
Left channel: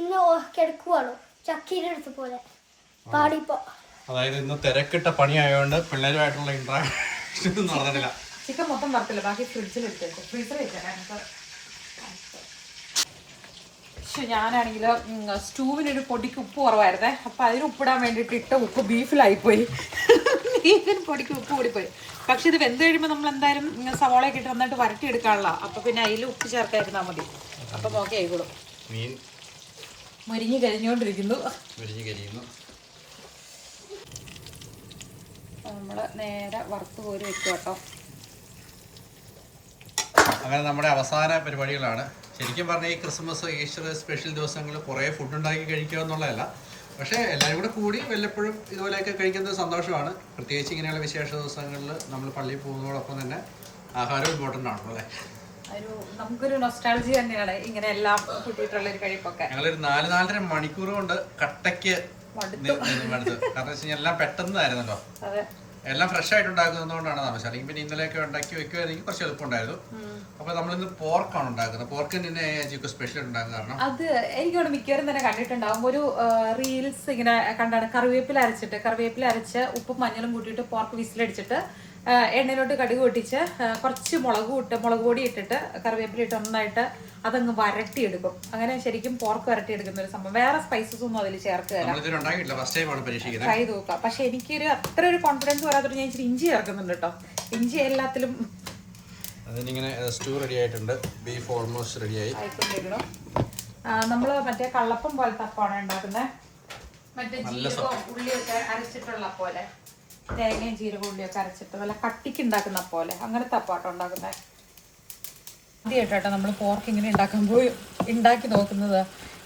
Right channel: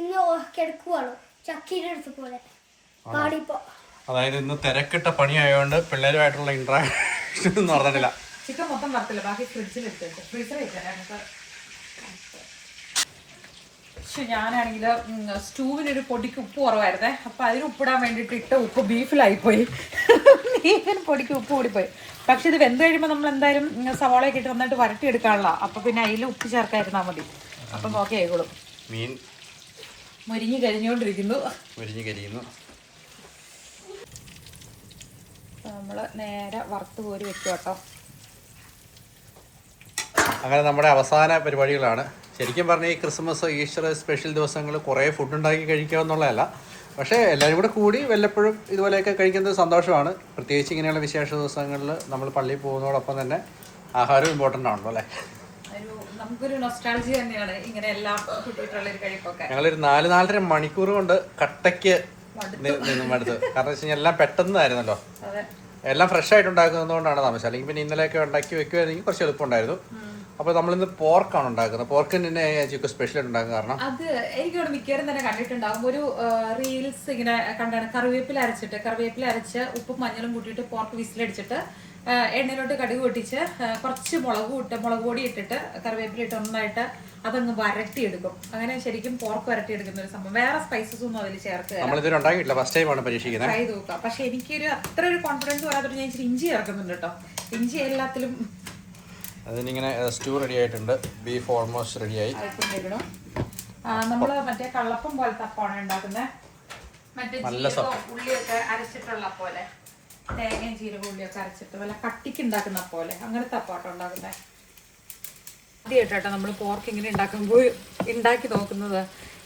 Speaker 3: ഇന്ന് കിടക്കുവാണോ. ചക്കീടെ അടുത്ത് പോലെ. പാടിപ്പോ.
Speaker 2: അതായത് ഇന്ന് തിരക്കിട്ട പണിയായതുകൊണ്ട് പിള്ളേരുമായിട്ടുള്ള ഇന്ററാക്ഷൻ ഒന്നും നടന്നിട്ടില്ല
Speaker 1: ചിക്കൻ മൊത്തം വറുത്തില്ല. ബാക്കി ഫ്രിഡ്ജിൽ എടുത്തേക്കും ഫ്രീസർ വെച്ചേരാം പക്ഷെ ഞാനാണെങ്കിൽ സ്റ്റൂവിനൊരു പൊടിക്ക് ഉപ്പ് കുറവായിരുന്നേ. അപ്പം അതിന് ഉപ്പിടാൻ വേണ്ടിയിട്ട് ഇട്ട ഉപ്പ് ബീഫിലായിപ്പോയി ബീഫിന് പൊടിക്ക് ഉപ്പ് കൂടിപ്പോയി. പക്ഷെ ഇത് വെന്ത് കഴിയുമ്പോൾ നമ്മൾ എന്തായാലും സവാളയൊക്കെ ഇട്ട് നന്നായിട്ട് വരട്ടിയെടുക്കാനുള്ള. അപ്പൊ പിന്നെ അതിൽ ഉപ്പ് ചേർക്കാതിരുന്നാൽ മതി. അപ്പം നോക്കി ആയിക്കോളും.
Speaker 2: മീൻ
Speaker 1: മുരിഞ്ഞ് കഴിഞ്ഞുകൊണ്ടിരിക്കുന്നു
Speaker 2: മുരിഞ്ഞ് കരിയുന്നു.
Speaker 1: നമ്മൾ നേരെ വറുത്ത് കോരി വെക്കുക കേട്ടോ.
Speaker 2: അങ്ങനെ നമ്മുടെ അവസാന പരിപാടികളാണ്. ശരിക്കും പറഞ്ഞാൽ ഈ ക്രിസ്മസ് ഈസ്റ്റർ സ്പെഷ്യൽ ദിവസങ്ങളിൽ കുറേ ഫുഡ് ഉണ്ടാക്കി കഴിക്കുക എന്നുള്ളതല്ല പക്ഷേ എല്ലാവരും കൂടെ കൂടി വല്ലപ്പോഴും ഇതുപോലെയൊക്കെ കഴിക്കുന്നത് സന്തോഷമാണ്. പ്രത്യേകിച്ച് ഇങ്ങനെയുള്ള വിശേഷ ദിവസങ്ങളിൽ നമ്മൾ പള്ളിയിൽ പോകുന്നതോടൊപ്പം തന്നെ ആഹാരം ഇമ്പോർട്ടന്റ് ആണല്ലോ അല്ലേ?
Speaker 1: ഒരു നമുക്കൊരു നൊസ്റ്റാളജി തന്നെയാണ് ഇങ്ങനെ എല്ലാം കൂട്ടിയിട്ടുള്ള ഒരു കഴിപ്പൊക്കെ.
Speaker 2: ഞങ്ങളൊരു നാല് നാലര മണിക്കൂർ കൊണ്ട് കട്ടയ്ക്ക് മടുത്തു. കാരണം വെച്ച് കഴിഞ്ഞാൽ എല്ലാം പെട്ടെന്നായിരുന്നല്ലോ. എല്ലാം ഫ്രഷ് ആയിട്ട് ഉണ്ടാക്കുന്നതുകൊണ്ടാണ് താമസം അല്ലെങ്കിൽ പിന്നെ ഇന്നലെയൊക്കെ ഉണ്ടാക്കി വെക്കുമായിരുന്നെങ്കിൽ കുറച്ച് എളുപ്പമുണ്ടായിരുന്നു. അപ്പോൾ നമ്മളിന്ന് പോർക്കാണ് ഉണ്ടാക്കുന്നത്. പോർക്ക് തന്നെ ചിക്കു സ്പെഷ്യൽ ഉണ്ടാകും കാരണം?
Speaker 1: അത് എനിക്കവിടെ മിക്കവാറും തന്നെ കണ്ടിട്ടുണ്ടാകും ഒരു റീൽസ് ഇങ്ങനെ കണ്ടാണ്. കറിവേപ്പില അരച്ചിട്ട് കറിവേപ്പില അരച്ച് ഉപ്പും മഞ്ഞളും കൂട്ടിയിട്ട് പോർക്ക് വിസിലടിച്ചിട്ട് എണ്ണയിലോട്ട് കടുക് പൊട്ടിച്ച് കുറച്ച് മുളക് ഇട്ട് മുളക് പൊടി ഇട്ടിട്ട് കറിവേപ്പില ഇട്ട് നന്നായിട്ട് അതങ്ങ് വരട്ടിയെടുക്കും. അങ്ങനെ ശരിക്കും പോർക്ക് വരട്ടിയെടുക്കുന്ന ഒരു സംഭവം. വേറെ സ്പൈസസ് ഒന്നും അതിൽ ചേർക്കുക ട്രൈ പക്ഷെ എനിക്കൊരു അത്ര ഒരു കോൺഫിഡൻസ് വരാത്തൊരു ഞാൻ ഇച്ചിരി ഇഞ്ചി ചേർക്കുന്നുണ്ട് കേട്ടോ. ഇഞ്ചി എല്ലാത്തിലും
Speaker 2: അതിനിങ്ങനെ സ്റ്റൂ റെഡി ആയിട്ടുണ്ട്. ബീഫ് ഓൾമോസ്റ്റ് റെഡിയായി
Speaker 1: ആയി. നമ്മൾ മറ്റേ കള്ളപ്പം പോലത്തെ അപ്പമാണ് ഉണ്ടാക്കുന്നത് ജീരകവും ഉള്ളിയൊക്കെ അരച്ചിട്ടുള്ള പോലെ തേങ്ങയും ജീരകം ഉള്ളിയൊക്കെ അരച്ചിട്ട് വല്ല കട്ടിക്ക് ഉണ്ടാക്കുന്ന പോലെ അങ്ങനത്തെ അപ്പാട്ടോ ഉണ്ടാക്കുന്നത് ആദ്യമായിട്ടാട്ടോ നമ്മൾ പോർക്ക് ഇങ്ങനെ ഉണ്ടാക്കുമ്പോൾ ഉണ്ടാക്കി നോക്കുന്നത്.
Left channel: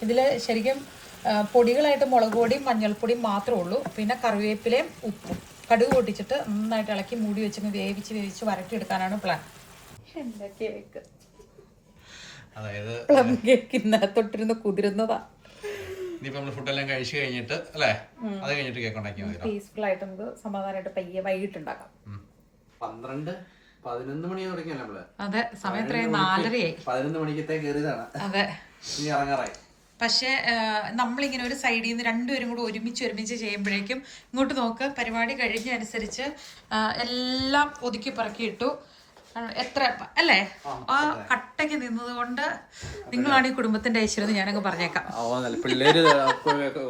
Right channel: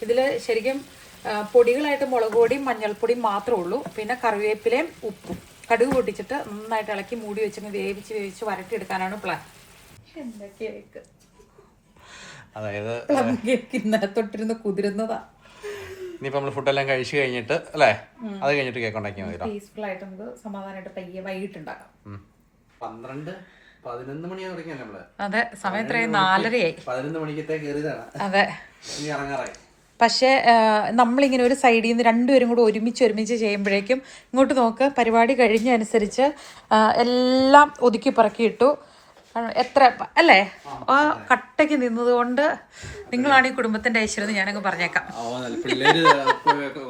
Speaker 1: ഇതിൽ ശരിക്കും പൊടികളായിട്ട് മുളക് പൊടിയും മഞ്ഞൾപ്പൊടിയും മാത്രമേ ഉള്ളൂ. പിന്നെ കറിവേപ്പിലയും ഉപ്പും. കടുക് പൊട്ടിച്ചിട്ട് നന്നായിട്ട് ഇളക്കി മൂടി വെച്ച് വേവിച്ച് വേവിച്ച് വരട്ടിയെടുക്കാനാണ് പ്ലാൻ എന്താ കേക്ക്.
Speaker 2: അതായത്
Speaker 1: പ്ലം കേക്ക് ഇന്നലെ തൊട്ടിരുന്ന് കുതിരുന്നതാ.
Speaker 2: ഇനിയിപ്പോ നമ്മൾ ഫുഡെല്ലാം കഴിച്ചു കഴിഞ്ഞിട്ട് അല്ലേ? അത് കഴിഞ്ഞിട്ട് കേക്ക് ഉണ്ടാക്കിയാൽ മതി
Speaker 1: പീസ്ഫുൾ ആയിട്ട് നമുക്ക് സമാധാനമായിട്ട് പയ്യെ വൈകിട്ട് ഉണ്ടാക്കാം
Speaker 2: പന്ത്രണ്ട് പതിനൊന്ന് മണിയാണ് തുടങ്ങിയല്ലേ നമ്മൾ?
Speaker 1: അതെ സമയം ഇത്രയും നാലരയായി.
Speaker 2: പതിനൊന്ന് മണിക്കത്തെ കയറിയതാണ്.
Speaker 1: അതെ.
Speaker 2: ഇറങ്ങാറായി.
Speaker 1: പക്ഷേ നമ്മളിങ്ങനെ ഒരു സൈഡിൽ നിന്ന് രണ്ടുപേരും കൂടെ ഒരുമിച്ച് ഒരുമിച്ച് ചെയ്യുമ്പോഴേക്കും ഇങ്ങോട്ട് നോക്ക് പരിപാടി കഴിഞ്ഞ അനുസരിച്ച് എല്ലാം ഒതുക്കി പറക്കിയിട്ടു എത്ര അല്ലേ? ആ കട്ടയ്ക്ക് നിന്നത് കൊണ്ട് നിങ്ങളാണ് ഈ കുടുംബത്തിന്റെ ഐശ്വര്യം ഞാനങ്ങ് പറഞ്ഞേക്കാം.
Speaker 2: പിള്ളേര്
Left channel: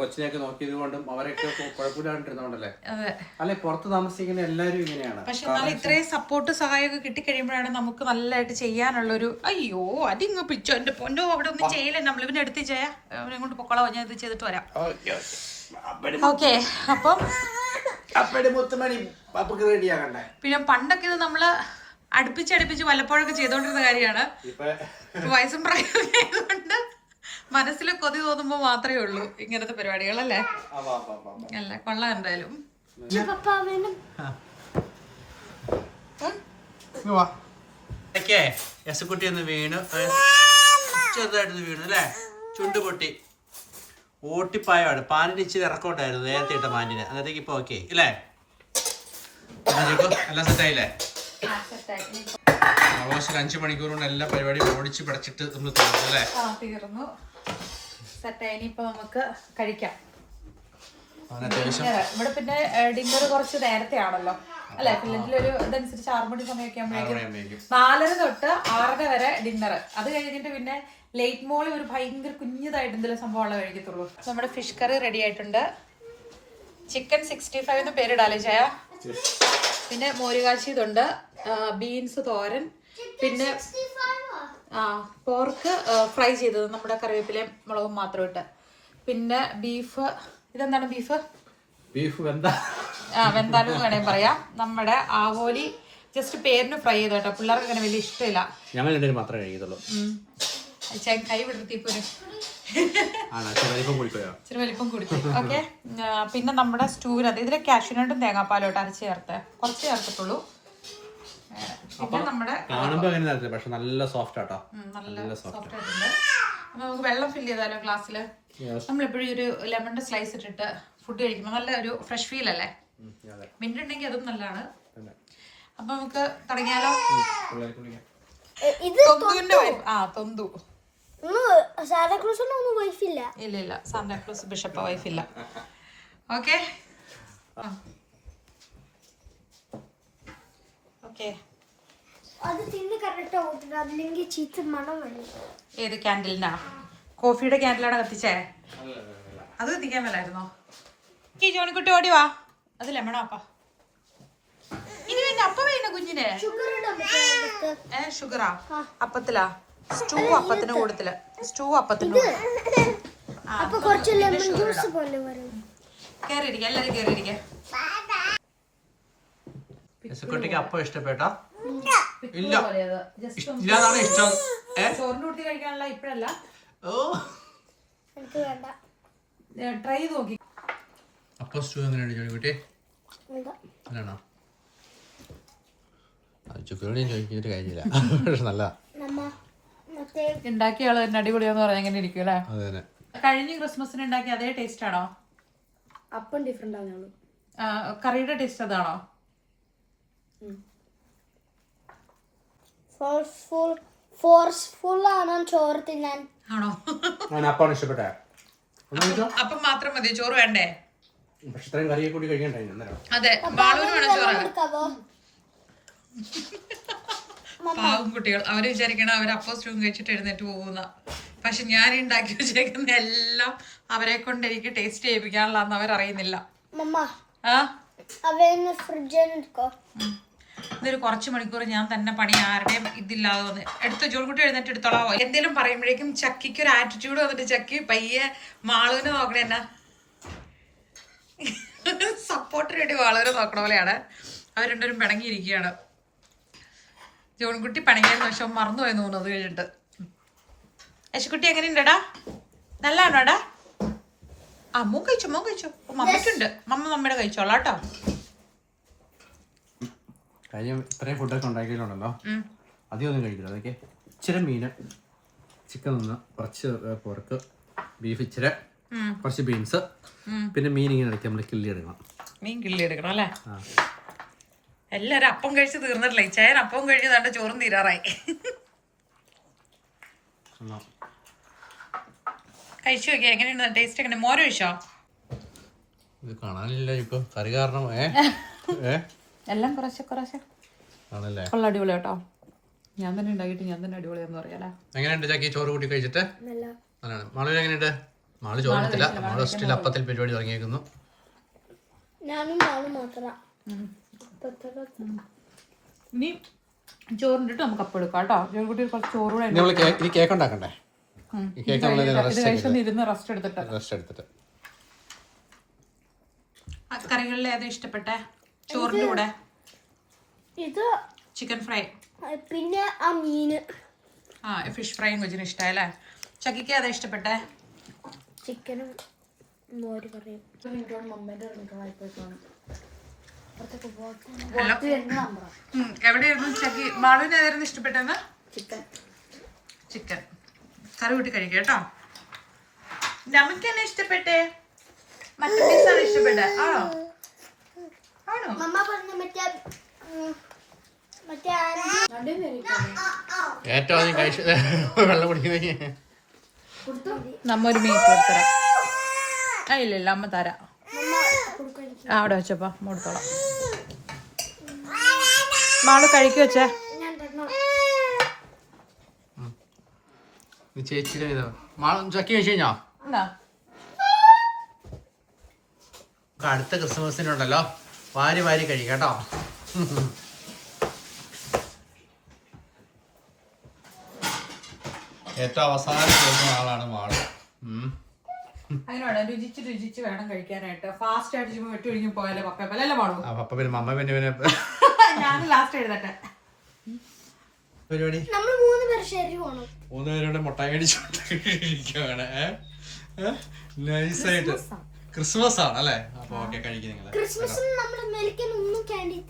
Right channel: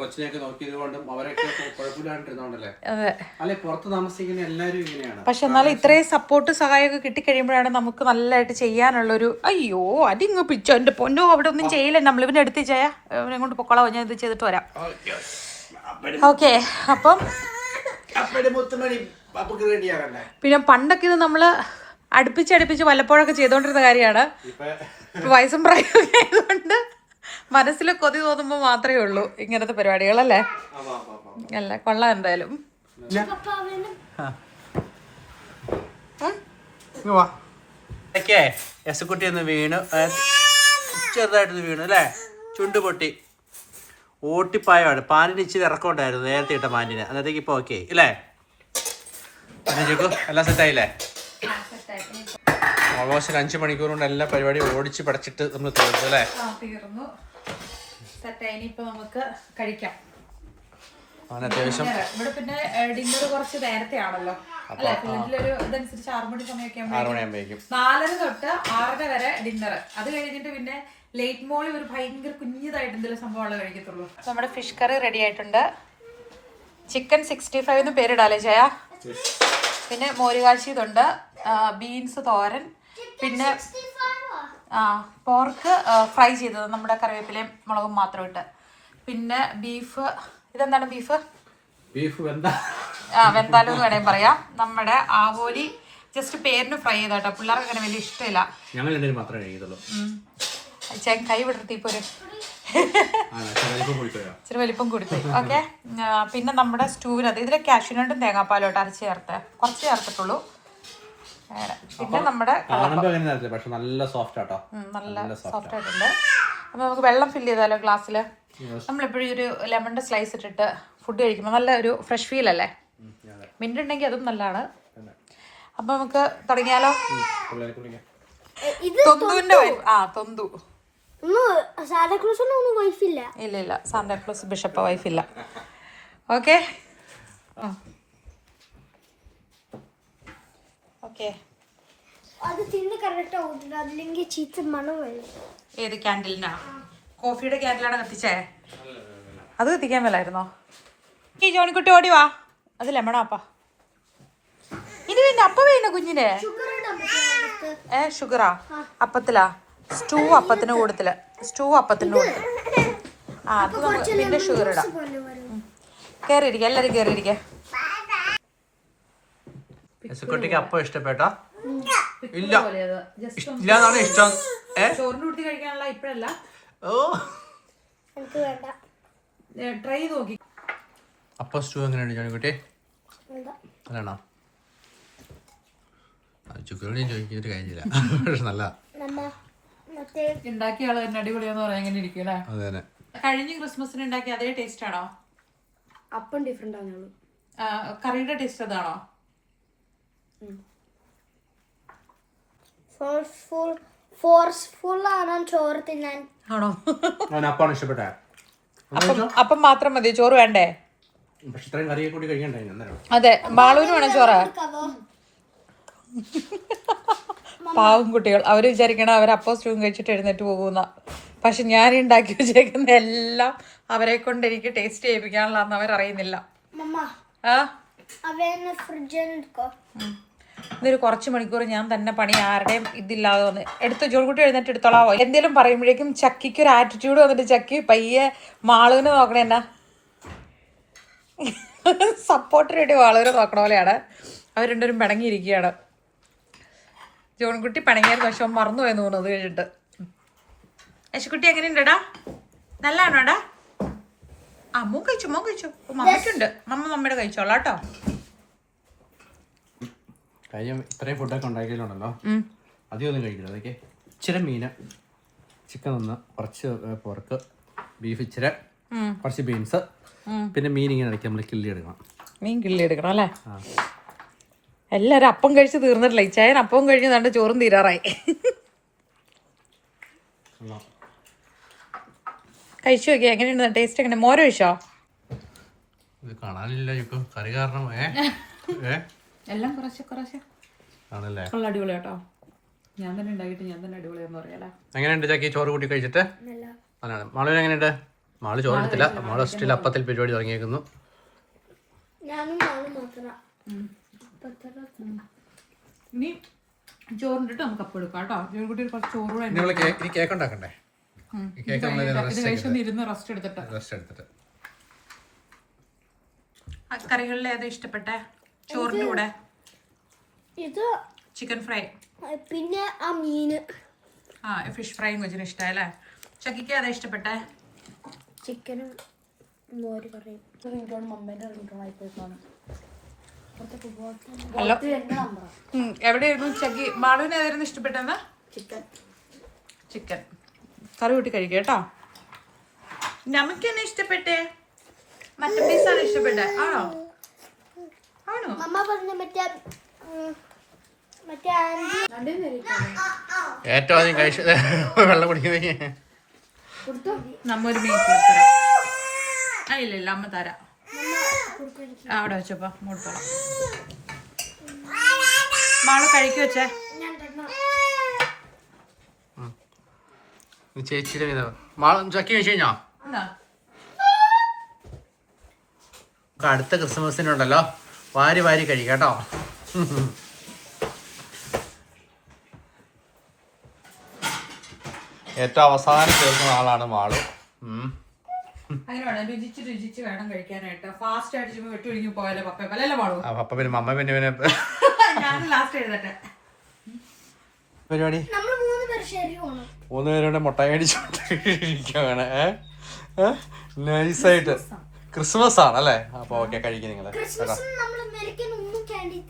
Speaker 2: കൊച്ചിനെയൊക്കെ നോക്കിയത് കൊണ്ടും അവരൊക്കെ കുഴപ്പമില്ലാണ്ടിരുന്നോണ്ടല്ലേ
Speaker 1: അതെ.
Speaker 2: അല്ലെ പുറത്ത് താമസിക്കുന്ന എല്ലാരും ഇങ്ങനെയാണ്.
Speaker 1: പക്ഷെ എന്നാലും ഇത്രയും സപ്പോർട്ട് സഹായമൊക്കെ കിട്ടിക്കഴിയുമ്പോഴാണ് നമുക്ക് നല്ലതായിട്ട് ചെയ്യാനുള്ളൊരു അയ്യോ അതിങ്ങ് പിച്ചോ എന്റെ പൊന്നോ അവിടെ ഒന്നും ചെയ്യില്ല. നമ്മൾ ഇവനെ എടുത്ത് ചെയ്യാ ഇവനെ കൊണ്ട് പൊക്കോളാം ഞാൻ ഇത് ചെയ്തിട്ട് വരാം. ഓക്കെ അപ്പം പിന്നെ പണ്ടൊക്കെ ഇത് നമ്മൾ അടുപ്പിച്ച് അടുപ്പിച്ച് വല്ലപ്പോഴൊക്കെ ചെയ്തോണ്ടിരുന്ന കാര്യമാണ്. വയസ്സും പ്രായമൊക്കെ ആയതുകൊണ്ട് മനസ്സിൽ കൊതി തോന്നുമ്പോൾ മാത്രമേ ഉള്ളൂ ഇങ്ങനത്തെ പരിപാടികളല്ലേ? അല്ല കൊള്ളാം എന്തായാലും.
Speaker 2: യസുക്കുട്ടി ഒന്ന് വീണു. ചെറുതായിട്ടൊന്ന് വീണു അല്ലേ? ചുണ്ട് പൊട്ടി. ഓട്ടിപ്പായാണ് പാനിന് ഇച്ചിരി ഇറക്കമുണ്ടായിരുന്നു. നേരത്തെ ഇട്ട പാനിന് അന്നത്തേക്ക് ഇപ്പൊ ഓക്കെ ചോക്കു എല്ലാം സെറ്റായില്ലേ ഓൾമോസ്റ്റ് ഒരു അഞ്ച് മണിക്കൂർ കൊണ്ട് എല്ലാ പരിപാടിയും ഓടിച്ച് പടച്ചിട്ട് നമ്മൾ തീർന്നു അല്ലേ?
Speaker 1: ആ തീർന്നു. സെറ്റ് ഇനിയിപ്പോ നമുക്ക് കഴിക്കാം.
Speaker 2: അത്യാവശ്യം.
Speaker 1: ഇവിടെ പിന്നെ ഡിന്നർ കുറച്ച് നേരത്തെ ആണല്ലോ. അല്ലെ? ഒരു ഇതനുസരിച്ച് ആറു മണി സമയമൊക്കെ നാലര തൊട്ട് ആറര വരെ ഡിന്നർ അത് കഴിഞ്ഞിട്ട് പിന്നെ ലേറ്റ് മോളി ഒരു ഭയങ്കര കുഞ്ഞതായിട്ട് എന്തെങ്കിലും സംഭവമുള്ള കഴിക്കത്തുള്ളൂ. നമ്മുടെ ഫിഷ് കറി റെഡി ആയിട്ടുണ്ട്. ചിക്കൻ സിക്സ്റ്റി ഫൈവ് എന്ന് പേരിടാലേ ചായ പിന്നെ മോരുകാശി ഇതുണ്ട് ബീൻസ് തോരൻ പിന്നെ ആ പോർക്ക് ഫ്രൈ ചെയ്തത് നമ്മുടെ കറിവേപ്പിലയും മുളകും മാത്രം ഇട്ട്. പിന്നെ ബീഫ് ഇതെന്താണ് ബീഫ്
Speaker 2: ബീഫ് വെന്താ?
Speaker 1: ആ വെന്താലും എന്ന് വേണമെങ്കിൽ പറയാം. നമ്മുടെ ആവോലി ജസ്റ്റ് പേരിന് ഫ്രൈ ചെയ്ത കേട്ടോ പിള്ളേർക്ക് അങ്ങനെ വലിയ ഇഷ്ടമില്ല.
Speaker 2: ഞങ്ങൾ രണ്ടുപേരും മാത്രമേ കഴിക്കത്തുള്ളൂ.
Speaker 1: കൈ വിടർത്തി ഇപ്പൊ ഇച്ചിരി വലിപ്പം കൂടിപ്പോയി ഓക്കെ. പിന്നെ നമ്മുടെ സ്റ്റൂവിനകത്ത് ഇതിലെ കാഷ്യൂനട്ടും തേങ്ങാപ്പാലോട്ട് അരച്ച് ചേർത്ത് കുറച്ച് ചേർത്തിട്ടുള്ളൂ. പിന്നെ നമ്മുടെ
Speaker 2: പക്ഷെ നല്ല സോഫ്റ്റ് ആട്ടോ.
Speaker 1: നല്ല സോഫ്റ്റ് ആയിട്ടുണ്ട്. അപ്പൊ നമുക്ക് വെള്ളം ഫില്ല് ചെയ്താലോ ഗ്ലാസ്സിൽ നമ്മളെപ്പോഴും ഒരു ലെമണിന്റെ സ്ലൈസ് ഇട്ടിട്ട് ഫുഡ് കഴിക്കുമ്പോൾ നല്ല ഒരു ഫ്രഷ് ഫീൽ അല്ലേ? മിന്റ് ഉണ്ടെങ്കിൽ അതും നല്ലതാണ്. അപ്പൊ നമുക്ക് തുടങ്ങിയാലോ? തൊന്തുവിന്റെ ആ തൊന്തു. ഇല്ല ഇല്ല. സാന്താക്ലോസ് ബിഷപ്പ് വൈഫ് ഇല്ല ഓക്കെ ഓക്കെ.
Speaker 3: അത് തിന്ന് കറക്റ്റ് ആവുന്നുണ്ട് അതില്ലെങ്കിൽ ചീത്ത മണം
Speaker 1: ഏത് ക്യാൻഡിലിനാ? കോഫിയുടെ ക്യാൻഡിലാണ് കത്തിച്ചേ? അത് കത്തിക്കാൻ മേലായിരുന്നോ? ഈ ജോണിക്കുട്ടി ഓടി വാ. അത് ലെമണാപ്പാ ഇനി പിന്നെ അപ്പ വേണ്ട കുഞ്ഞിനെ? ഏ ഷുഗറാ അപ്പത്തിലാ? സ്റ്റൂ അപ്പത്തിന് കൂടുതൽ. സ്റ്റൂ അപ്പത്തിന് കൂടത്തിൽ ആ പിന്നെ ഷുഗർ ഇടാം.
Speaker 3: പോലെ വരും.
Speaker 1: കേറിയിരിക്കുക എല്ലാരും കേറിയിരിക്കുക
Speaker 2: യസുക്കുട്ടിക്ക് അപ്പം ഇഷ്ടപ്പെട്ടോ? ഇല്ല. ഇല്ലാന്നാണ് ഇഷ്ടം. ഓ.
Speaker 3: എനിക്ക് വേണ്ട.
Speaker 1: ട്രൈ ചെയ്ത് നോക്കി.
Speaker 2: അപ്പം സ്റ്റൂ എങ്ങനെയാണ് ജോണിക്കുട്ടി? അതാണോ ചുക്കരോടെയും ചോദിച്ചിട്ട് കാര്യമില്ല നല്ല
Speaker 3: നമ്മ മറ്റേ
Speaker 1: ഉണ്ടാക്കിയ ആൾ തന്നെ അടിപൊളിയാന്ന് പറഞ്ഞ എങ്ങനെ ഇരിക്കും അല്ലേ?
Speaker 2: അതെ തന്നെ
Speaker 1: കഴിഞ്ഞ ക്രിസ്മസിന് ഉണ്ടാക്കിയ അതേ ടേസ്റ്റ് ആണോ?
Speaker 3: അപ്പം ഡിഫറെന്റ് ആവുന്നുള്ളൂ
Speaker 1: കറിയുടെ ടേസ്റ്റ് അതാണോ?
Speaker 3: ഫോഴ്സ്ഫുൾ ഫോഴ്സ്ഫുൾ ആണോ ചോറ് തിന്നാൻ.
Speaker 1: ആണോ?
Speaker 2: ഞാൻ അപ്പാണ് ഇഷ്ടപ്പെട്ടെ.
Speaker 1: അപ്പം അപ്പം മാത്രം മതി ചോറ് വേണ്ടേ?
Speaker 2: പക്ഷെ ഇത്രയും കറിയെ കൂടി കഴിക്കണ്ടേ എന്തായാലും
Speaker 1: അതെ ബാളുവിന് വേണം ചോറ്.
Speaker 3: എടുക്കാവോ [laughs]
Speaker 1: പാവം കുട്ടികൾ അവർ വിചാരിക്കണം അവർ അപ്പം സ്റ്റൂം കഴിച്ചിട്ട് എഴുന്നേറ്റ് പോകുന്ന പക്ഷെ ഞാൻ ഉണ്ടാക്കി വെച്ചേക്കുന്ന എല്ലാം അവരെ കൊണ്ട് എനിക്ക് ടേസ്റ്റ് ചെയ്യിപ്പിക്കാനുള്ള അവരറിയുന്നില്ല ഉം. ഇതൊരു കുറച്ച് മണിക്കൂർ ഞാൻ തന്നെ പണി ആരുടെയും ഇതില്ലാതെ വന്ന്. എടുത്ത് ജോൾകുട്ടി എഴുന്നേറ്റ് എടുത്തോളാവോ? എന്തെങ്കിലും പറയുമ്പോഴേക്കും ചക്കിക്ക് ഒരു ആറ്റിറ്റ്യൂഡ് വന്നിട്ട് ചക്കി പയ്യെ മാളുവിനെ നോക്കണേ എന്നാ. [laughs] സപ്പോർട്ടിന് വേണ്ടി മാളുവിനെ നോക്കണ പോലെയാണ്. അവർ രണ്ടുപേരും പിണങ്ങിയിരിക്കുകയാണ്. ജോൺകുട്ടി പണങ്ങിയായിരുന്നു പക്ഷെ അവൻ തോന്നുന്നു. അത് കഴിഞ്ഞിട്ട്. യശുക്കുട്ടി എങ്ങനെയുണ്ടടാ? നല്ലതാണോടാ? ആ മോൻ കഴിച്ചു മോൻ കഴിച്ചു. ഓ, മമ്മയ്ക്കുണ്ട് മമ്മ മമ്മയുടെ കഴിച്ചോളാം കേട്ടോ.
Speaker 2: കഴിഞ്ഞ ഇത്രയും ഫുഡൊക്കെ ഉണ്ടാക്കിയിട്ടുണ്ടല്ലോ. അധികമൊന്നും കഴിക്കില്ല. അതൊക്കെ ഇച്ചിരി മീന് ചിക്കൻ ഒന്ന് കുറച്ച് പോർക്ക് ബീഫ് ഇച്ചിരി കുറച്ച് ബീൻസ് പിന്നെ മീൻ ഇങ്ങനെ ഇടയ്ക്ക് നമ്മൾ കിള്ളി എടുക്കണം.
Speaker 1: മീൻ കിള്ളി എടുക്കണം അല്ലേ?
Speaker 2: ആ
Speaker 1: എല്ലാരും അപ്പം കഴിച്ച് തീർന്നിട്ടില്ല. ഇച്ചായൻ അപ്പം കഴിഞ്ഞ് നല്ല ചോറും തീരാറായി. കഴിച്ചു നോക്കി എങ്ങനെയുണ്ട്? ടേസ്റ്റ് എങ്ങനെ മോര് കഴിച്ചോ?
Speaker 2: ഇത് കാണാനില്ല ഇപ്പൊ. കറി കാരണം
Speaker 1: എല്ലാം കുറച്ച് കുറച്ച്.
Speaker 2: ആണല്ലേ?
Speaker 1: ഉള്ള അടിപൊളി കേട്ടോ. ഞാൻ തന്നെ ഉണ്ടാക്കിയിട്ട് ഞാൻ തന്നെ അടിപൊളിയാന്ന് പറയാലേ.
Speaker 2: എങ്ങനെയുണ്ട് ചാക്കി? ചോറ് കൂട്ടി കഴിച്ചിട്ട്?
Speaker 3: നല്ല.
Speaker 2: അതാണ് മാളുവിന് എങ്ങനെയുണ്ട്? മാൾ ചോറ് എടുത്തില്ല. മാൾ സ്റ്റിൽ അപ്പത്തിൽ പരിപാടി തുടങ്ങിയേക്കുന്നു.
Speaker 3: ഞാനും ഞാനും മാത്രം.
Speaker 1: ഇനി ചോറിന്റെ നമുക്ക് അപ്പം എടുക്കാം കേട്ടോ. ജോലിക്കുട്ടി കുറച്ച് ചോറ് കൂടെ
Speaker 2: കേക്ക് ഉണ്ടാക്കണ്ടേ?
Speaker 1: ഉം.
Speaker 2: ഈ കേക്ക് നമ്മൾ
Speaker 1: ഇത് കഴിച്ചൊന്ന് ഇരുന്ന് റെസ്റ്റ് എടുത്തിട്ട്.
Speaker 2: റെസ്റ്റ് എടുത്തിട്ട്.
Speaker 1: ആ കറികളിൽ ഏതാ ഇഷ്ടപ്പെട്ടെ? ചോറിന്റെ കൂടെ?
Speaker 3: ഇത്
Speaker 1: ചിക്കൻ ഫ്രൈ
Speaker 3: പിന്നെ ആ മീന്
Speaker 1: ആ ഫിഷ് ഫ്രൈയും കൊച്ചിന് ഇഷ്ടമായല്ലേ ചക്കിക്ക് ഏതാ ഇഷ്ടപ്പെട്ടെ?
Speaker 3: ചിക്കനും മോര് കറിയും.
Speaker 1: ഹലോ എവിടെയായിരുന്നു ചക്കി? മാളുവിന് ഏതായിരുന്നു ഇഷ്ടപ്പെട്ടെന്ന്
Speaker 3: ചിക്കൻ
Speaker 1: ചിക്കൻ കറി കൂട്ടി കഴിക്കുക കേട്ടോ. നമുക്ക് തന്നെ ഇഷ്ടപ്പെട്ടേ? മറ്റേ പീസാണ് ഇഷ്ടപ്പെട്ടെ. ആണോ? ആണോ?
Speaker 2: ഏറ്റവും കഴിച്ച വെള്ളം കുടിക്കുന്നത്
Speaker 1: നമ്മ ഒരു മീൻ കൊടുത്തരാം. ആ ഇല്ല ഇല്ല അമ്മ തരാം. അവിടെ വെച്ചപ്പോ കൊടുത്തോളാം മാൾ കഴിക്കു വെച്ചേ.
Speaker 2: ചേച്ചിയുടെ ചക്കി കഴിഞ്ഞോ? അടുത്ത ക്രിസ്മസിനുണ്ടല്ലോ വാരി വാരി കഴിക്കാം കേട്ടോ. ഏറ്റവും അവസാനം ചേർക്കുന്ന ആളാണ്
Speaker 1: മാൾ. വേണം രുചിച്ച് രുചിച്ച് വേണം കഴിക്കാനായിട്ട്. ഫാസ്റ്റ് ആയിട്ട് ചുമ്മാ വെട്ടി ഒഴിഞ്ഞു പോയാലേ
Speaker 2: പിന്നെ മമ്മ പിന്നെ പിന്നെ
Speaker 1: ഞാൻ ലാസ്റ്റ് എഴുതട്ടെ.
Speaker 2: പരിപാടി?
Speaker 3: നമ്മൾ മൂന്ന് പേർ ശരി പോണം.
Speaker 2: മൂന്ന് പേരുടെ മുട്ട മേടിച്ചിരിക്കുകയാണ് നൈസായിട്ട്. ക്രിസ്മസ്. ആണ് അല്ലേ അപ്പൊ ഓക്കെ കഴിക്കും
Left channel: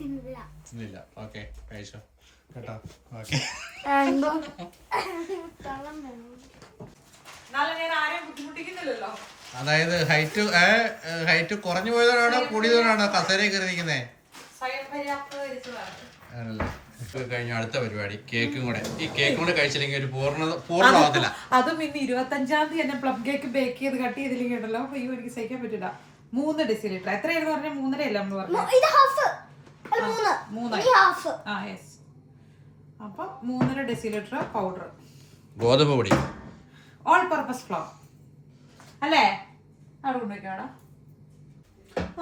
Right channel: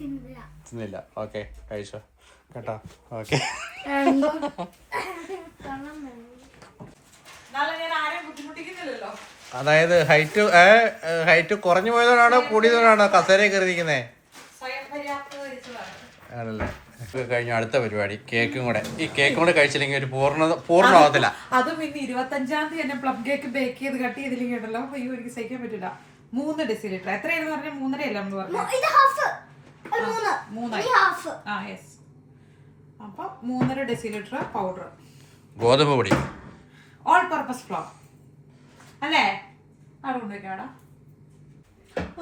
Speaker 3: തിന്നില്ല.
Speaker 2: തിന്നില്ല. ഓക്കെ കഴിച്ചോ. കേട്ടോ. ഓക്കെ [laughs]
Speaker 1: എന്നാലും ഞാൻ ആരെയും ബുദ്ധിമുട്ടിക്കുന്നില്ലല്ലോ
Speaker 2: അതായത് ഹൈറ്റ് ഹൈറ്റ് കുറഞ്ഞു പോയതോടാണോ കൂടിയതോടാണോ കസേര കയറിയിരിക്കുന്നേ?
Speaker 1: സ്വയം പര്യാപ്തകരിച്ചതാണ്
Speaker 2: ആണല്ലേ? കഴിഞ്ഞ അടുത്ത പരിപാടി. കേക്കും കൂടെ. ഈ കേക്കും കൂടെ കഴിച്ചില്ലെങ്കിൽ ഒരു പൂർണ പൂർണമാകത്തില്ല
Speaker 1: അതും ഇന്ന് ഇരുപത്തഞ്ചാം തീയതി തന്നെ പ്ലം കേക്ക് ബേക്ക് ചെയ്ത് കട്ട് ചെയ്തില്ലെങ്കിൽ ഉണ്ടല്ലോ. അയ്യോ എനിക്ക് സഹിക്കാൻ പറ്റില്ല മൂന്ന് ഡെസിലിറ്റർ എത്രയായിരുന്നു പറഞ്ഞാൽ മൂന്നര അല്ല നമ്മൾ പറഞ്ഞു
Speaker 3: ഇത് ഹാഫ് അല്ല മൂന്ന്.
Speaker 1: മൂന്നായി.
Speaker 3: ഈ ഹാഫ്
Speaker 1: ആ യെസ് അപ്പൊ മൂന്നര ഡെസിലിറ്റർ പൗഡർ
Speaker 2: ഗോതമ്പ് പൊടി.
Speaker 1: ഓൾ പർപ്പസ് ഫ്ലോർ അല്ലേ? അവിടെ കൊണ്ടുവയ്ക്കാടാ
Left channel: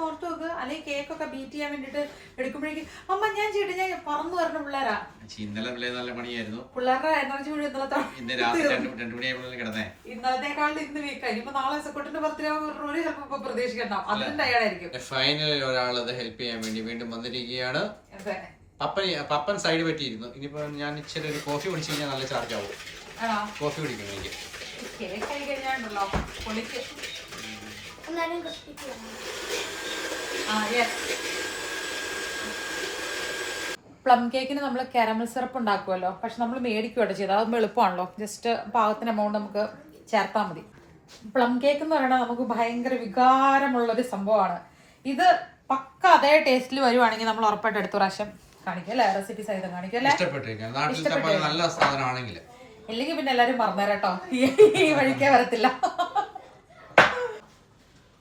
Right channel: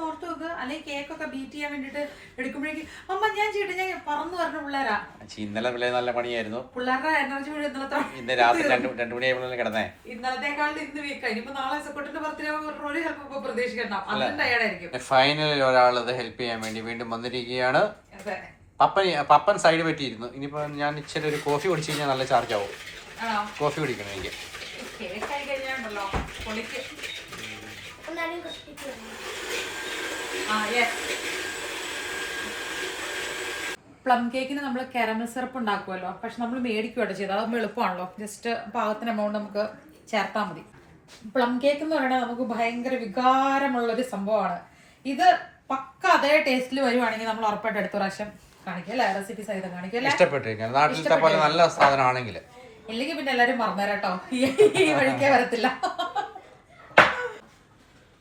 Speaker 1: ഓർത്ത് നോക്ക്. അല്ലെങ്കിൽ കേക്കൊക്കെ ബീറ്റ് ചെയ്യാൻ വേണ്ടിട്ട് എടുക്കുമ്പോഴേക്കും അമ്മ ഞാൻ ചെയ്തിട്ട് ഞാൻ പറഞ്ഞു പറഞ്ഞ പിള്ളേരാ.
Speaker 2: ഇന്നലെ വില നല്ല പണിയായിരുന്നു.
Speaker 1: പിള്ളേരുടെ എനർജി മുഴുവൻ ഇന്നലത്തെ
Speaker 2: ഇന്ന് രാത്രി രണ്ട് രണ്ടു മണിയായപ്പോഴല്ലേ കിടന്നേ?
Speaker 1: ഇന്നലത്തെക്കാളും ഇന്ന് വീക്കായി ഇനിയിപ്പോ നാളെ സെക്രട്ടറിന്റെ ബർത്ത്ഡേ ഒരു ചിലപ്പോ പ്രതീക്ഷിക്കണ്ട. അതും ടയർഡായിരിക്കും
Speaker 2: ഫൈനലിൽ ഒരാൾ ഹെൽപ്പ് ചെയ്യാൻ വേണ്ടി വീണ്ടും വന്നിരിക്കുകയാണ്. പപ്പൻ പപ്പൻ സൈഡ് പറ്റിയിരുന്നു. ഇനിയിപ്പോ ഞാൻ ഇച്ചിരി ഒരു കോഫി കുടിച്ചു കഴിഞ്ഞാൽ നല്ല ചാർജ് ആവും. കോഫി കുടിക്കണം എനിക്ക്.
Speaker 1: കേക്ക് ആയി കഴിഞ്ഞാണ്ടല്ലോ പൊളിക്ക് ആ യെസ് പ്ലം കേക്കിന് നമ്മൾ കാരമൽ സിറപ്പ് ഉണ്ടാക്കുമല്ലോ പക്ഷെ നമ്മൾ മേടിക്കുകയാണ് ചെയ്തത്. അതൊന്നും എളുപ്പമാണല്ലോ. ജസ്റ്റ് പാകത്തിന് എമൗണ്ട് നമുക്ക് ചേർത്താൽ മതി. പ്ലം കേക്ക് എന്ന് പറയുന്നത് നമുക്ക് ഭയങ്കര വികാരമുള്ളൊരു സംഭവമാണ്. ഇത് പക്ക അതേ ടേസ്റ്റിൽ വരുവാണെങ്കിൽ നമ്മൾ ഉറപ്പായിട്ട് അടുത്ത പ്രാവശ്യം കാണിക്കല്ലേ റെസിപ്പി സഹിതം കാണിക്കല്ലേ ഇഷ്ടപ്പെട്ടിരിക്കും.
Speaker 2: ഇഷ്ടപ്പെട്ടിരിക്കുന്നത് നാട്ടിലത്തെ പോലെ നല്ല സാധനമാണെങ്കിൽ.
Speaker 1: ഇല്ലെങ്കിൽ പിന്നെ എല്ലാരും മറന്നേരാട്ടോ. ഈ ഈ വഴിക്കേ വരത്തില്ല.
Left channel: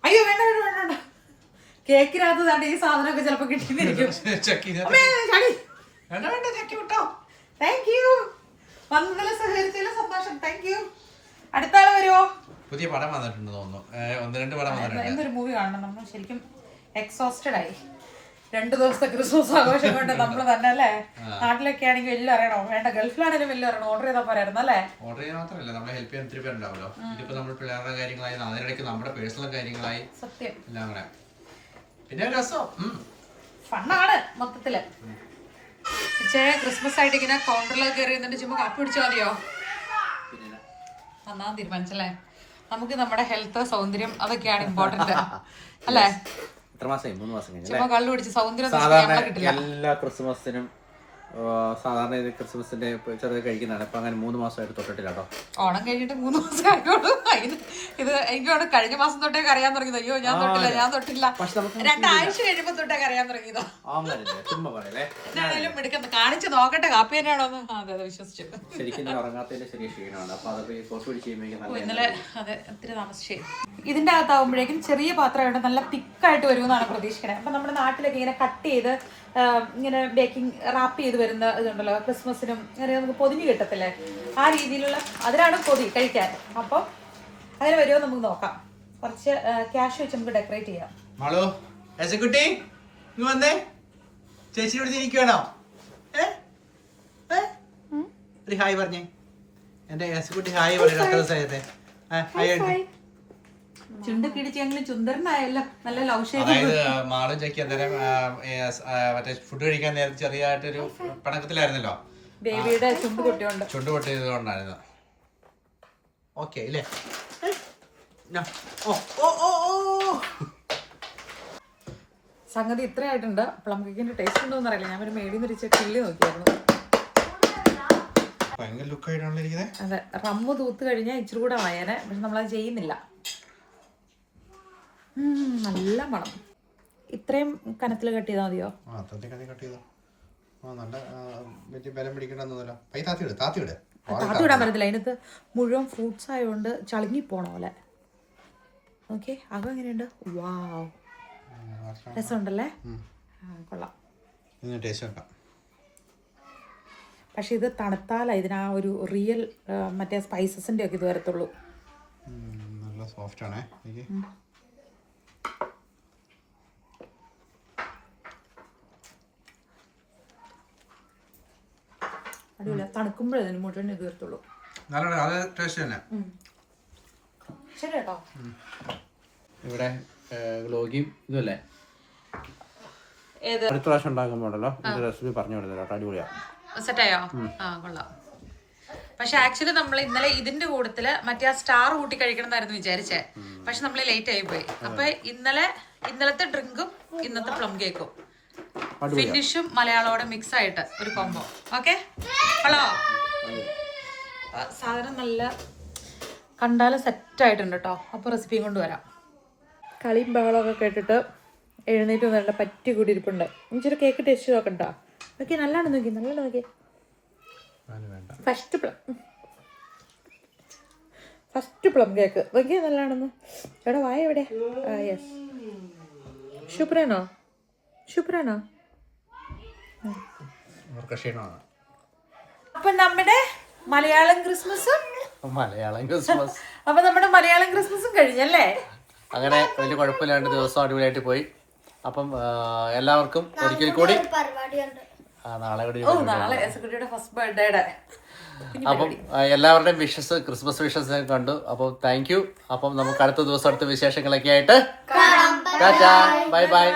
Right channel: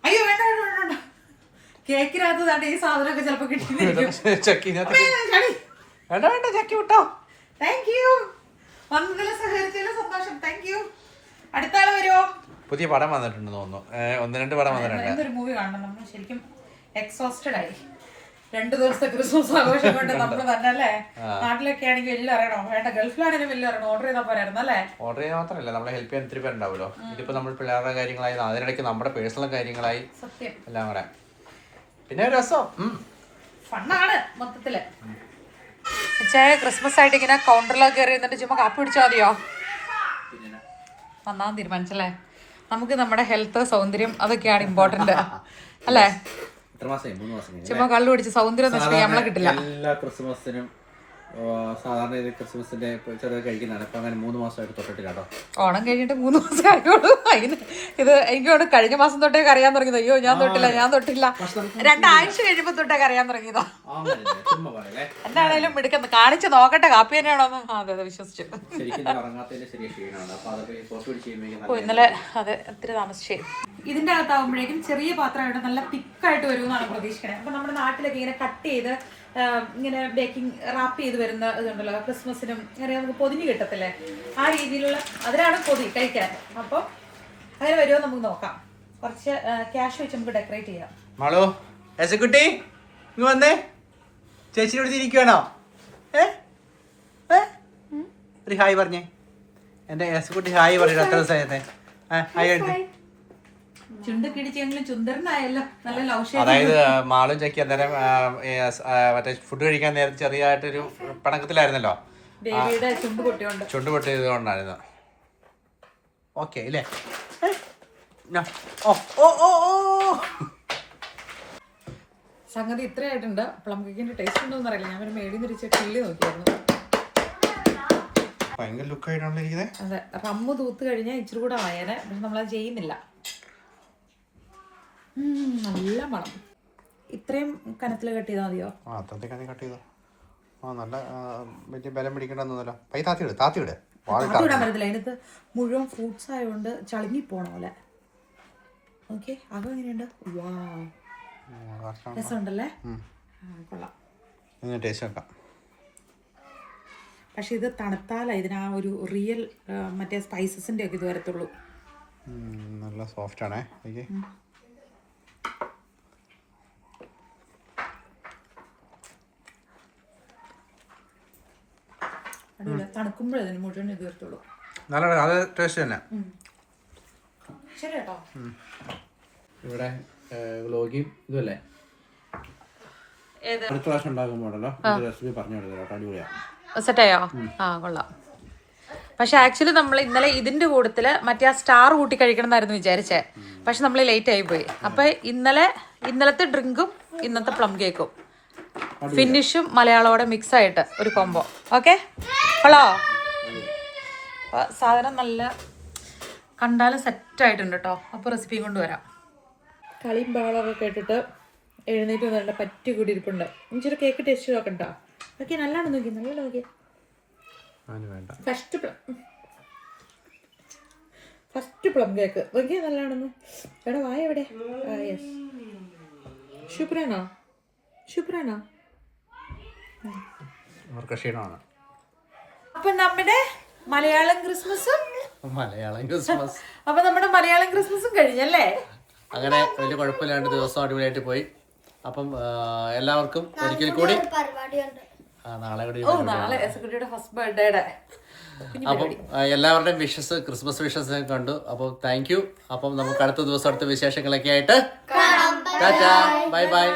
Speaker 1: അയ്യോ വേണ്ട വേണ്ട വേണ്ട വേണ്ട. കേക്കിനകത്ത് ദാണ്ട് ഈ സാധനമൊക്കെ ചിലപ്പോ കിട്ടിയിരിക്കും. [laughs]
Speaker 2: ചക്കിനകത്ത് വേണ്ട വേണ്ട ചക്കി വിട്ടോ.
Speaker 1: താങ്ക് യു വന്നതിൽ സഹകരിച്ചതിൽ സന്തോഷം. താങ്ക് യു അടുത്ത ആൾ വരുമോ
Speaker 2: പുതിയ പടം വന്നിട്ടുണ്ട് തോന്നുന്നു. ഒന്ന് രണ്ട് പടം വന്നിട്ടുണ്ട്.
Speaker 1: എന്തൊരു മൂവി കാണണം. നമ്മൾ ശരിക്കും എക്സോസ്റ്റഡ് ആയി. രണ്ടു ദിവസത്തെ ക്രിസ്മസ് ആഘോഷം കൊണ്ട് [laughs] നമ്മൾ തന്നെ അല്ലേ? നാട്ടിലൊക്കെ ആണെങ്കിൽ വലിയ അറിയണോ? വേണ്ട ഗൾഫിലാണെങ്കിലും വലിയ അറിയണോ? ഓർഡർ ചെയ്താൽ പോരായിരുന്നു അല്ലേ?
Speaker 2: ഓർഡർ ചെയ്യാൻ മാത്രമല്ല നമ്മളെ ഹെൽപ്പ് ചെയ്യാൻ ഒത്തിരി പേരുണ്ടാവുമല്ലോ. ഇതിപ്പോ നമ്മൾ പിള്ളേരുടെ കാര്യങ്ങളായി അതിനിടയ്ക്ക് നമ്മുടെ പേഴ്സണൽ കാര്യങ്ങളായി
Speaker 1: സത്യം.
Speaker 2: എല്ലാം കൂടെ. പിന്നെ ഒരു രസം.
Speaker 1: ഫണ്ണാണ് മൊത്തത്തിൽ. ഉച്ചയായ ക്രിസ്മസ് ആയിട്ട് ഇങ്ങനെ കൗണ്ടറിലൊക്കെ കയറി എന്നിട്ട് ചുമ്മാ കാപ്പി പിടിച്ചാൽ മതിയോ? നന്നാൻ തീരുമാനിച്ചല്ലേ? നമുക്ക് നമ്മുടെ ഹെൽത്ത് സൗന്ദര്യം അതൊക്കെയാണ് ഇമ്പോർട്ടന്റ് [laughs] അല്ലേ?
Speaker 2: എത്ര മാസമായി? മൂന്ന് മാസം കഴിഞ്ഞു
Speaker 1: നമ്മളെ കിട്ടില്ല.
Speaker 2: എല്ലാ ക്രിസ്മസിനും സാധാരണ ഇത് ക്രിസ്മസിന്റെ ചെറിയ കഴിക്കുന്നതാണ്. ഇപ്പൊ അങ്ങനെ മൂന്ന് മാസമായിട്ട് തൊട്ടിട്ടില്ല കേട്ടോ.
Speaker 1: ഓണം കഴിഞ്ഞിട്ട് മൂന്ന് മാസം ആയുള്ളൂ. ഇത് ഇത് എനിക്കോട് കഴിഞ്ഞ മാസം തൊട്ടേ അറിയാൻ തുടങ്ങിയത്. അയ്യോ ഞാൻ തൊട്ടില്ല ഞാൻ തൊട്ടില്ല. രണ്ടാഴ്ച കഴിയുമ്പോ തൊട്ടേ അറിയാൻ തുടങ്ങിയതോ. എന്താണേലും എടുക്കുന്നത് കാണിച്ച് നോക്കട്ടെ കാപ്പി തന്നെയാണോ അതെ അതെ വിശ്വസിച്ചു. ഇന്നലെ അതെ ഒത്തിരി താമസിച്ചേ. ഇതിന്റെ അകത്താവുമ്പോഴേക്കും ചെറിയ പാത്രമായിട്ട് നല്ല തിക്കായിട്ട് വരുമെന്നാണ് പ്രതീക്ഷിക്കണേ. അപ്പൊ നമ്മുടെ നാട്ടിലൊക്കെ ഇങ്ങനെ കട്ട് ചെയ്ത് ഇങ്ങനെ ബേക്കിംഗ് റാപ്പ് ചെയ്ത് വരുന്ന ഇതുണ്ടല്ലോ ക്രിസ്മസിനും അങ്ങനെ നമുക്ക് പൊതിഞ്ഞ് കിട്ടത്തില്ലേ? ആ രീതിയിലുള്ള അതിനാണ് പൊതി കഴിക്കാൻ. അപ്പം അങ്ങനെ വരുമോ നമുക്ക് നോക്കാം. കുറച്ച് ക്യാഷ് വെച്ച് നമുക്ക് ഡെക്കറേറ്റ് ചെയ്യാം.
Speaker 2: മാളോ എസക്കുട്ടി ഇങ്ങ് വന്നേ. ചേച്ചി ഇവിടെ ഇരിക്കുവാണോ? ഏ? ഏ? ഒരു ഹായ് പറഞ്ഞേ. എന്റെ എസക്കുട്ടി ഹായ് പറഞ്ഞു എത്ര ദിവസമായത്. ഹായ്
Speaker 1: ചുന്ദരനായല്ലോ നല്ല
Speaker 2: അതായത് മാളും ചക്കി അന്നേരം മറ്റേ ഫുഡ് കഴിക്കാൻ നേരം ചെറിയതായിട്ടൊരു പണക്കത്തിലായിരുന്നല്ലോ
Speaker 1: ബേബിയുടെ ചുണ്ട് പൊട്ടിയോണ്ട്.
Speaker 2: ചുണ്ട് പൊട്ടിയത് കൊണ്ടായിരുന്നു ഓക്കെ ഇല്ലേ? ഓ
Speaker 1: സംഗതി ഇത്രയായിട്ടുണ്ട്. പ്ലം കേക്കിന്റെ ടേസ്റ്റ് ഉണ്ടോ എന്നറിയില്ല ഞാൻ ഒരു മേടി നിന്ന് കിള്ളി നോക്കിയായിരുന്നു.
Speaker 2: ഭയങ്കര ഇരിക്കുന്നത്
Speaker 1: അതെ റമ്മ് തൂത്ത് കഴിഞ്ഞാൽ ഇച്ചിരി കൂടെ വായനെ. പക്ഷെ നമ്മളത് ചെയ്യുന്നില്ല. നല്ല മണം. ഇത്രയും കനത്തിൽ കട്ട് ചെയ്താൽ മതിയോ?
Speaker 2: ആ കട്ട് ചെയ്തോ. ആ നല്ല ആ, വലിയ ബലം പിടിക്കണ്ടെന്നല്ലോ പൈ താത്തി വിട് താത്തി വിട് വാറി
Speaker 1: അത് വിടാൻ പറ്റത്തില്ല. അതിനകത്ത് മുഴുവൻ ഫ്രൂട്ട്സ് ആയതുകൊണ്ട് ചളുങ്ങി പോണ പോലെ. ഓക്കെ അകം എങ്ങനെയുണ്ട്? വാവ്. രസമുണ്ടല്ലേ? കൊള്ളാം.
Speaker 2: ടേസ്റ്റ് നോക്കാം.
Speaker 1: പക്ഷെ ഇത് തണുത്താല ഇതിനാ ഒരു റിയൽ മറ്റേ സ്പൈസസിന്റെ ഒക്കെ ഇത് വരത്തുള്ളൂ.
Speaker 2: നല്ല സോഫ്റ്റ് ആണേ.
Speaker 1: അടിയില്ല തണുക്കുമ്പോഴേ ഇതിന് മുഴുവൻ
Speaker 2: നല്ല അത് ടേസ്റ്റ് തന്നെ.
Speaker 1: ശരി കേട്ടോ
Speaker 2: ഇവിടെ ഇതല്ലേ അടുത്ത പ്രാവശ്യം ഉണ്ടാക്കുമ്പോഴല്ലോ റെസിപ്പി പറഞ്ഞു കൊടുത്തല്ലോ കേട്ടോ. അടിപൊളിയാണ്
Speaker 1: സെറ്റായോ? ആ കൊള്ളാം. പക്ഷെ ആക്ച്വലി നമ്മൾ ഇന്നലെ ഇതിന്റെ കൂട്ടത്തിൽ മറ്റേ ആ സ്റ്റാർ കൂട്ടി കഴിക്കണം എന്നായിരുന്നു വിചാരിച്ചേ പക്ഷെ നമ്മൾ ലേറ്റ് ആയി പോയി. അപ്പൊ ഇന്നലെ ഇന്നലത്തെ ഡ്രിങ്കും ഇന്നത്തെ പ്ലം കേക്കും ഫിനിഷും മലയാളോടെ മിക്സ് ആയിട്ട് ഒരു കോംബോ. ഓക്കെ? ഹലോ? സാധനം നല്ല കണ്ടാലും സെറ്റ് ആയിട്ടുണ്ട് കേട്ടോ അപ്പൊ റെസിപ്പി കൊണ്ടുവരാം കളിയും ബഹളമൊക്കെ കേട്ടിട്ട് എഴുന്നേറ്റ് നല്ല പറ്റി കൂടി ഇരിപ്പുണ്ട് ഇച്ചിരി കേക്ക് ടേസ്റ്റ് നോക്കണ്ട. നോക്കി നല്ലോണം നോക്കി നല്ലോണം നോക്കി first plum first plum cake നോക്കിയാ നല്ലതാണെന്ന് എവിടെ വായ എവിടെ? യെസ്
Speaker 2: ക്ഷീണമാണ്.
Speaker 1: അപ്പൊ നമ്മുടെ മലയാളം ക്രിസ്മസും
Speaker 2: മലയാളം ക്രിസ്മസ്.
Speaker 1: അപ്പൊ നമ്മുടെ മലയാളം ക്രിസ്മസും കഴിഞ്ഞല്ലേ?
Speaker 2: അങ്ങനെ വലിയ കുഴപ്പമില്ലാണ്ട് ദിവസം അടിപൊളിയായിട്ട് പോയി. അപ്പം എല്ലാവർക്കും ഒരിക്കൽ കൂടി നാളെ കൂടി
Speaker 1: ഫസ്റ്റ് ബർത്ത്ഡേയുടെ
Speaker 2: അപ്പം എല്ലാവരുടെയും വിഷസ് ക്രിസ്മസ് വിഷസ് കണ്ടു. അപ്പം താങ്ക് യു അപ്പം നമുക്ക് അടുത്ത ദിവസം അടുത്ത വിശേഷങ്ങളൊക്കെ ആയിട്ട് ബൈ ബൈ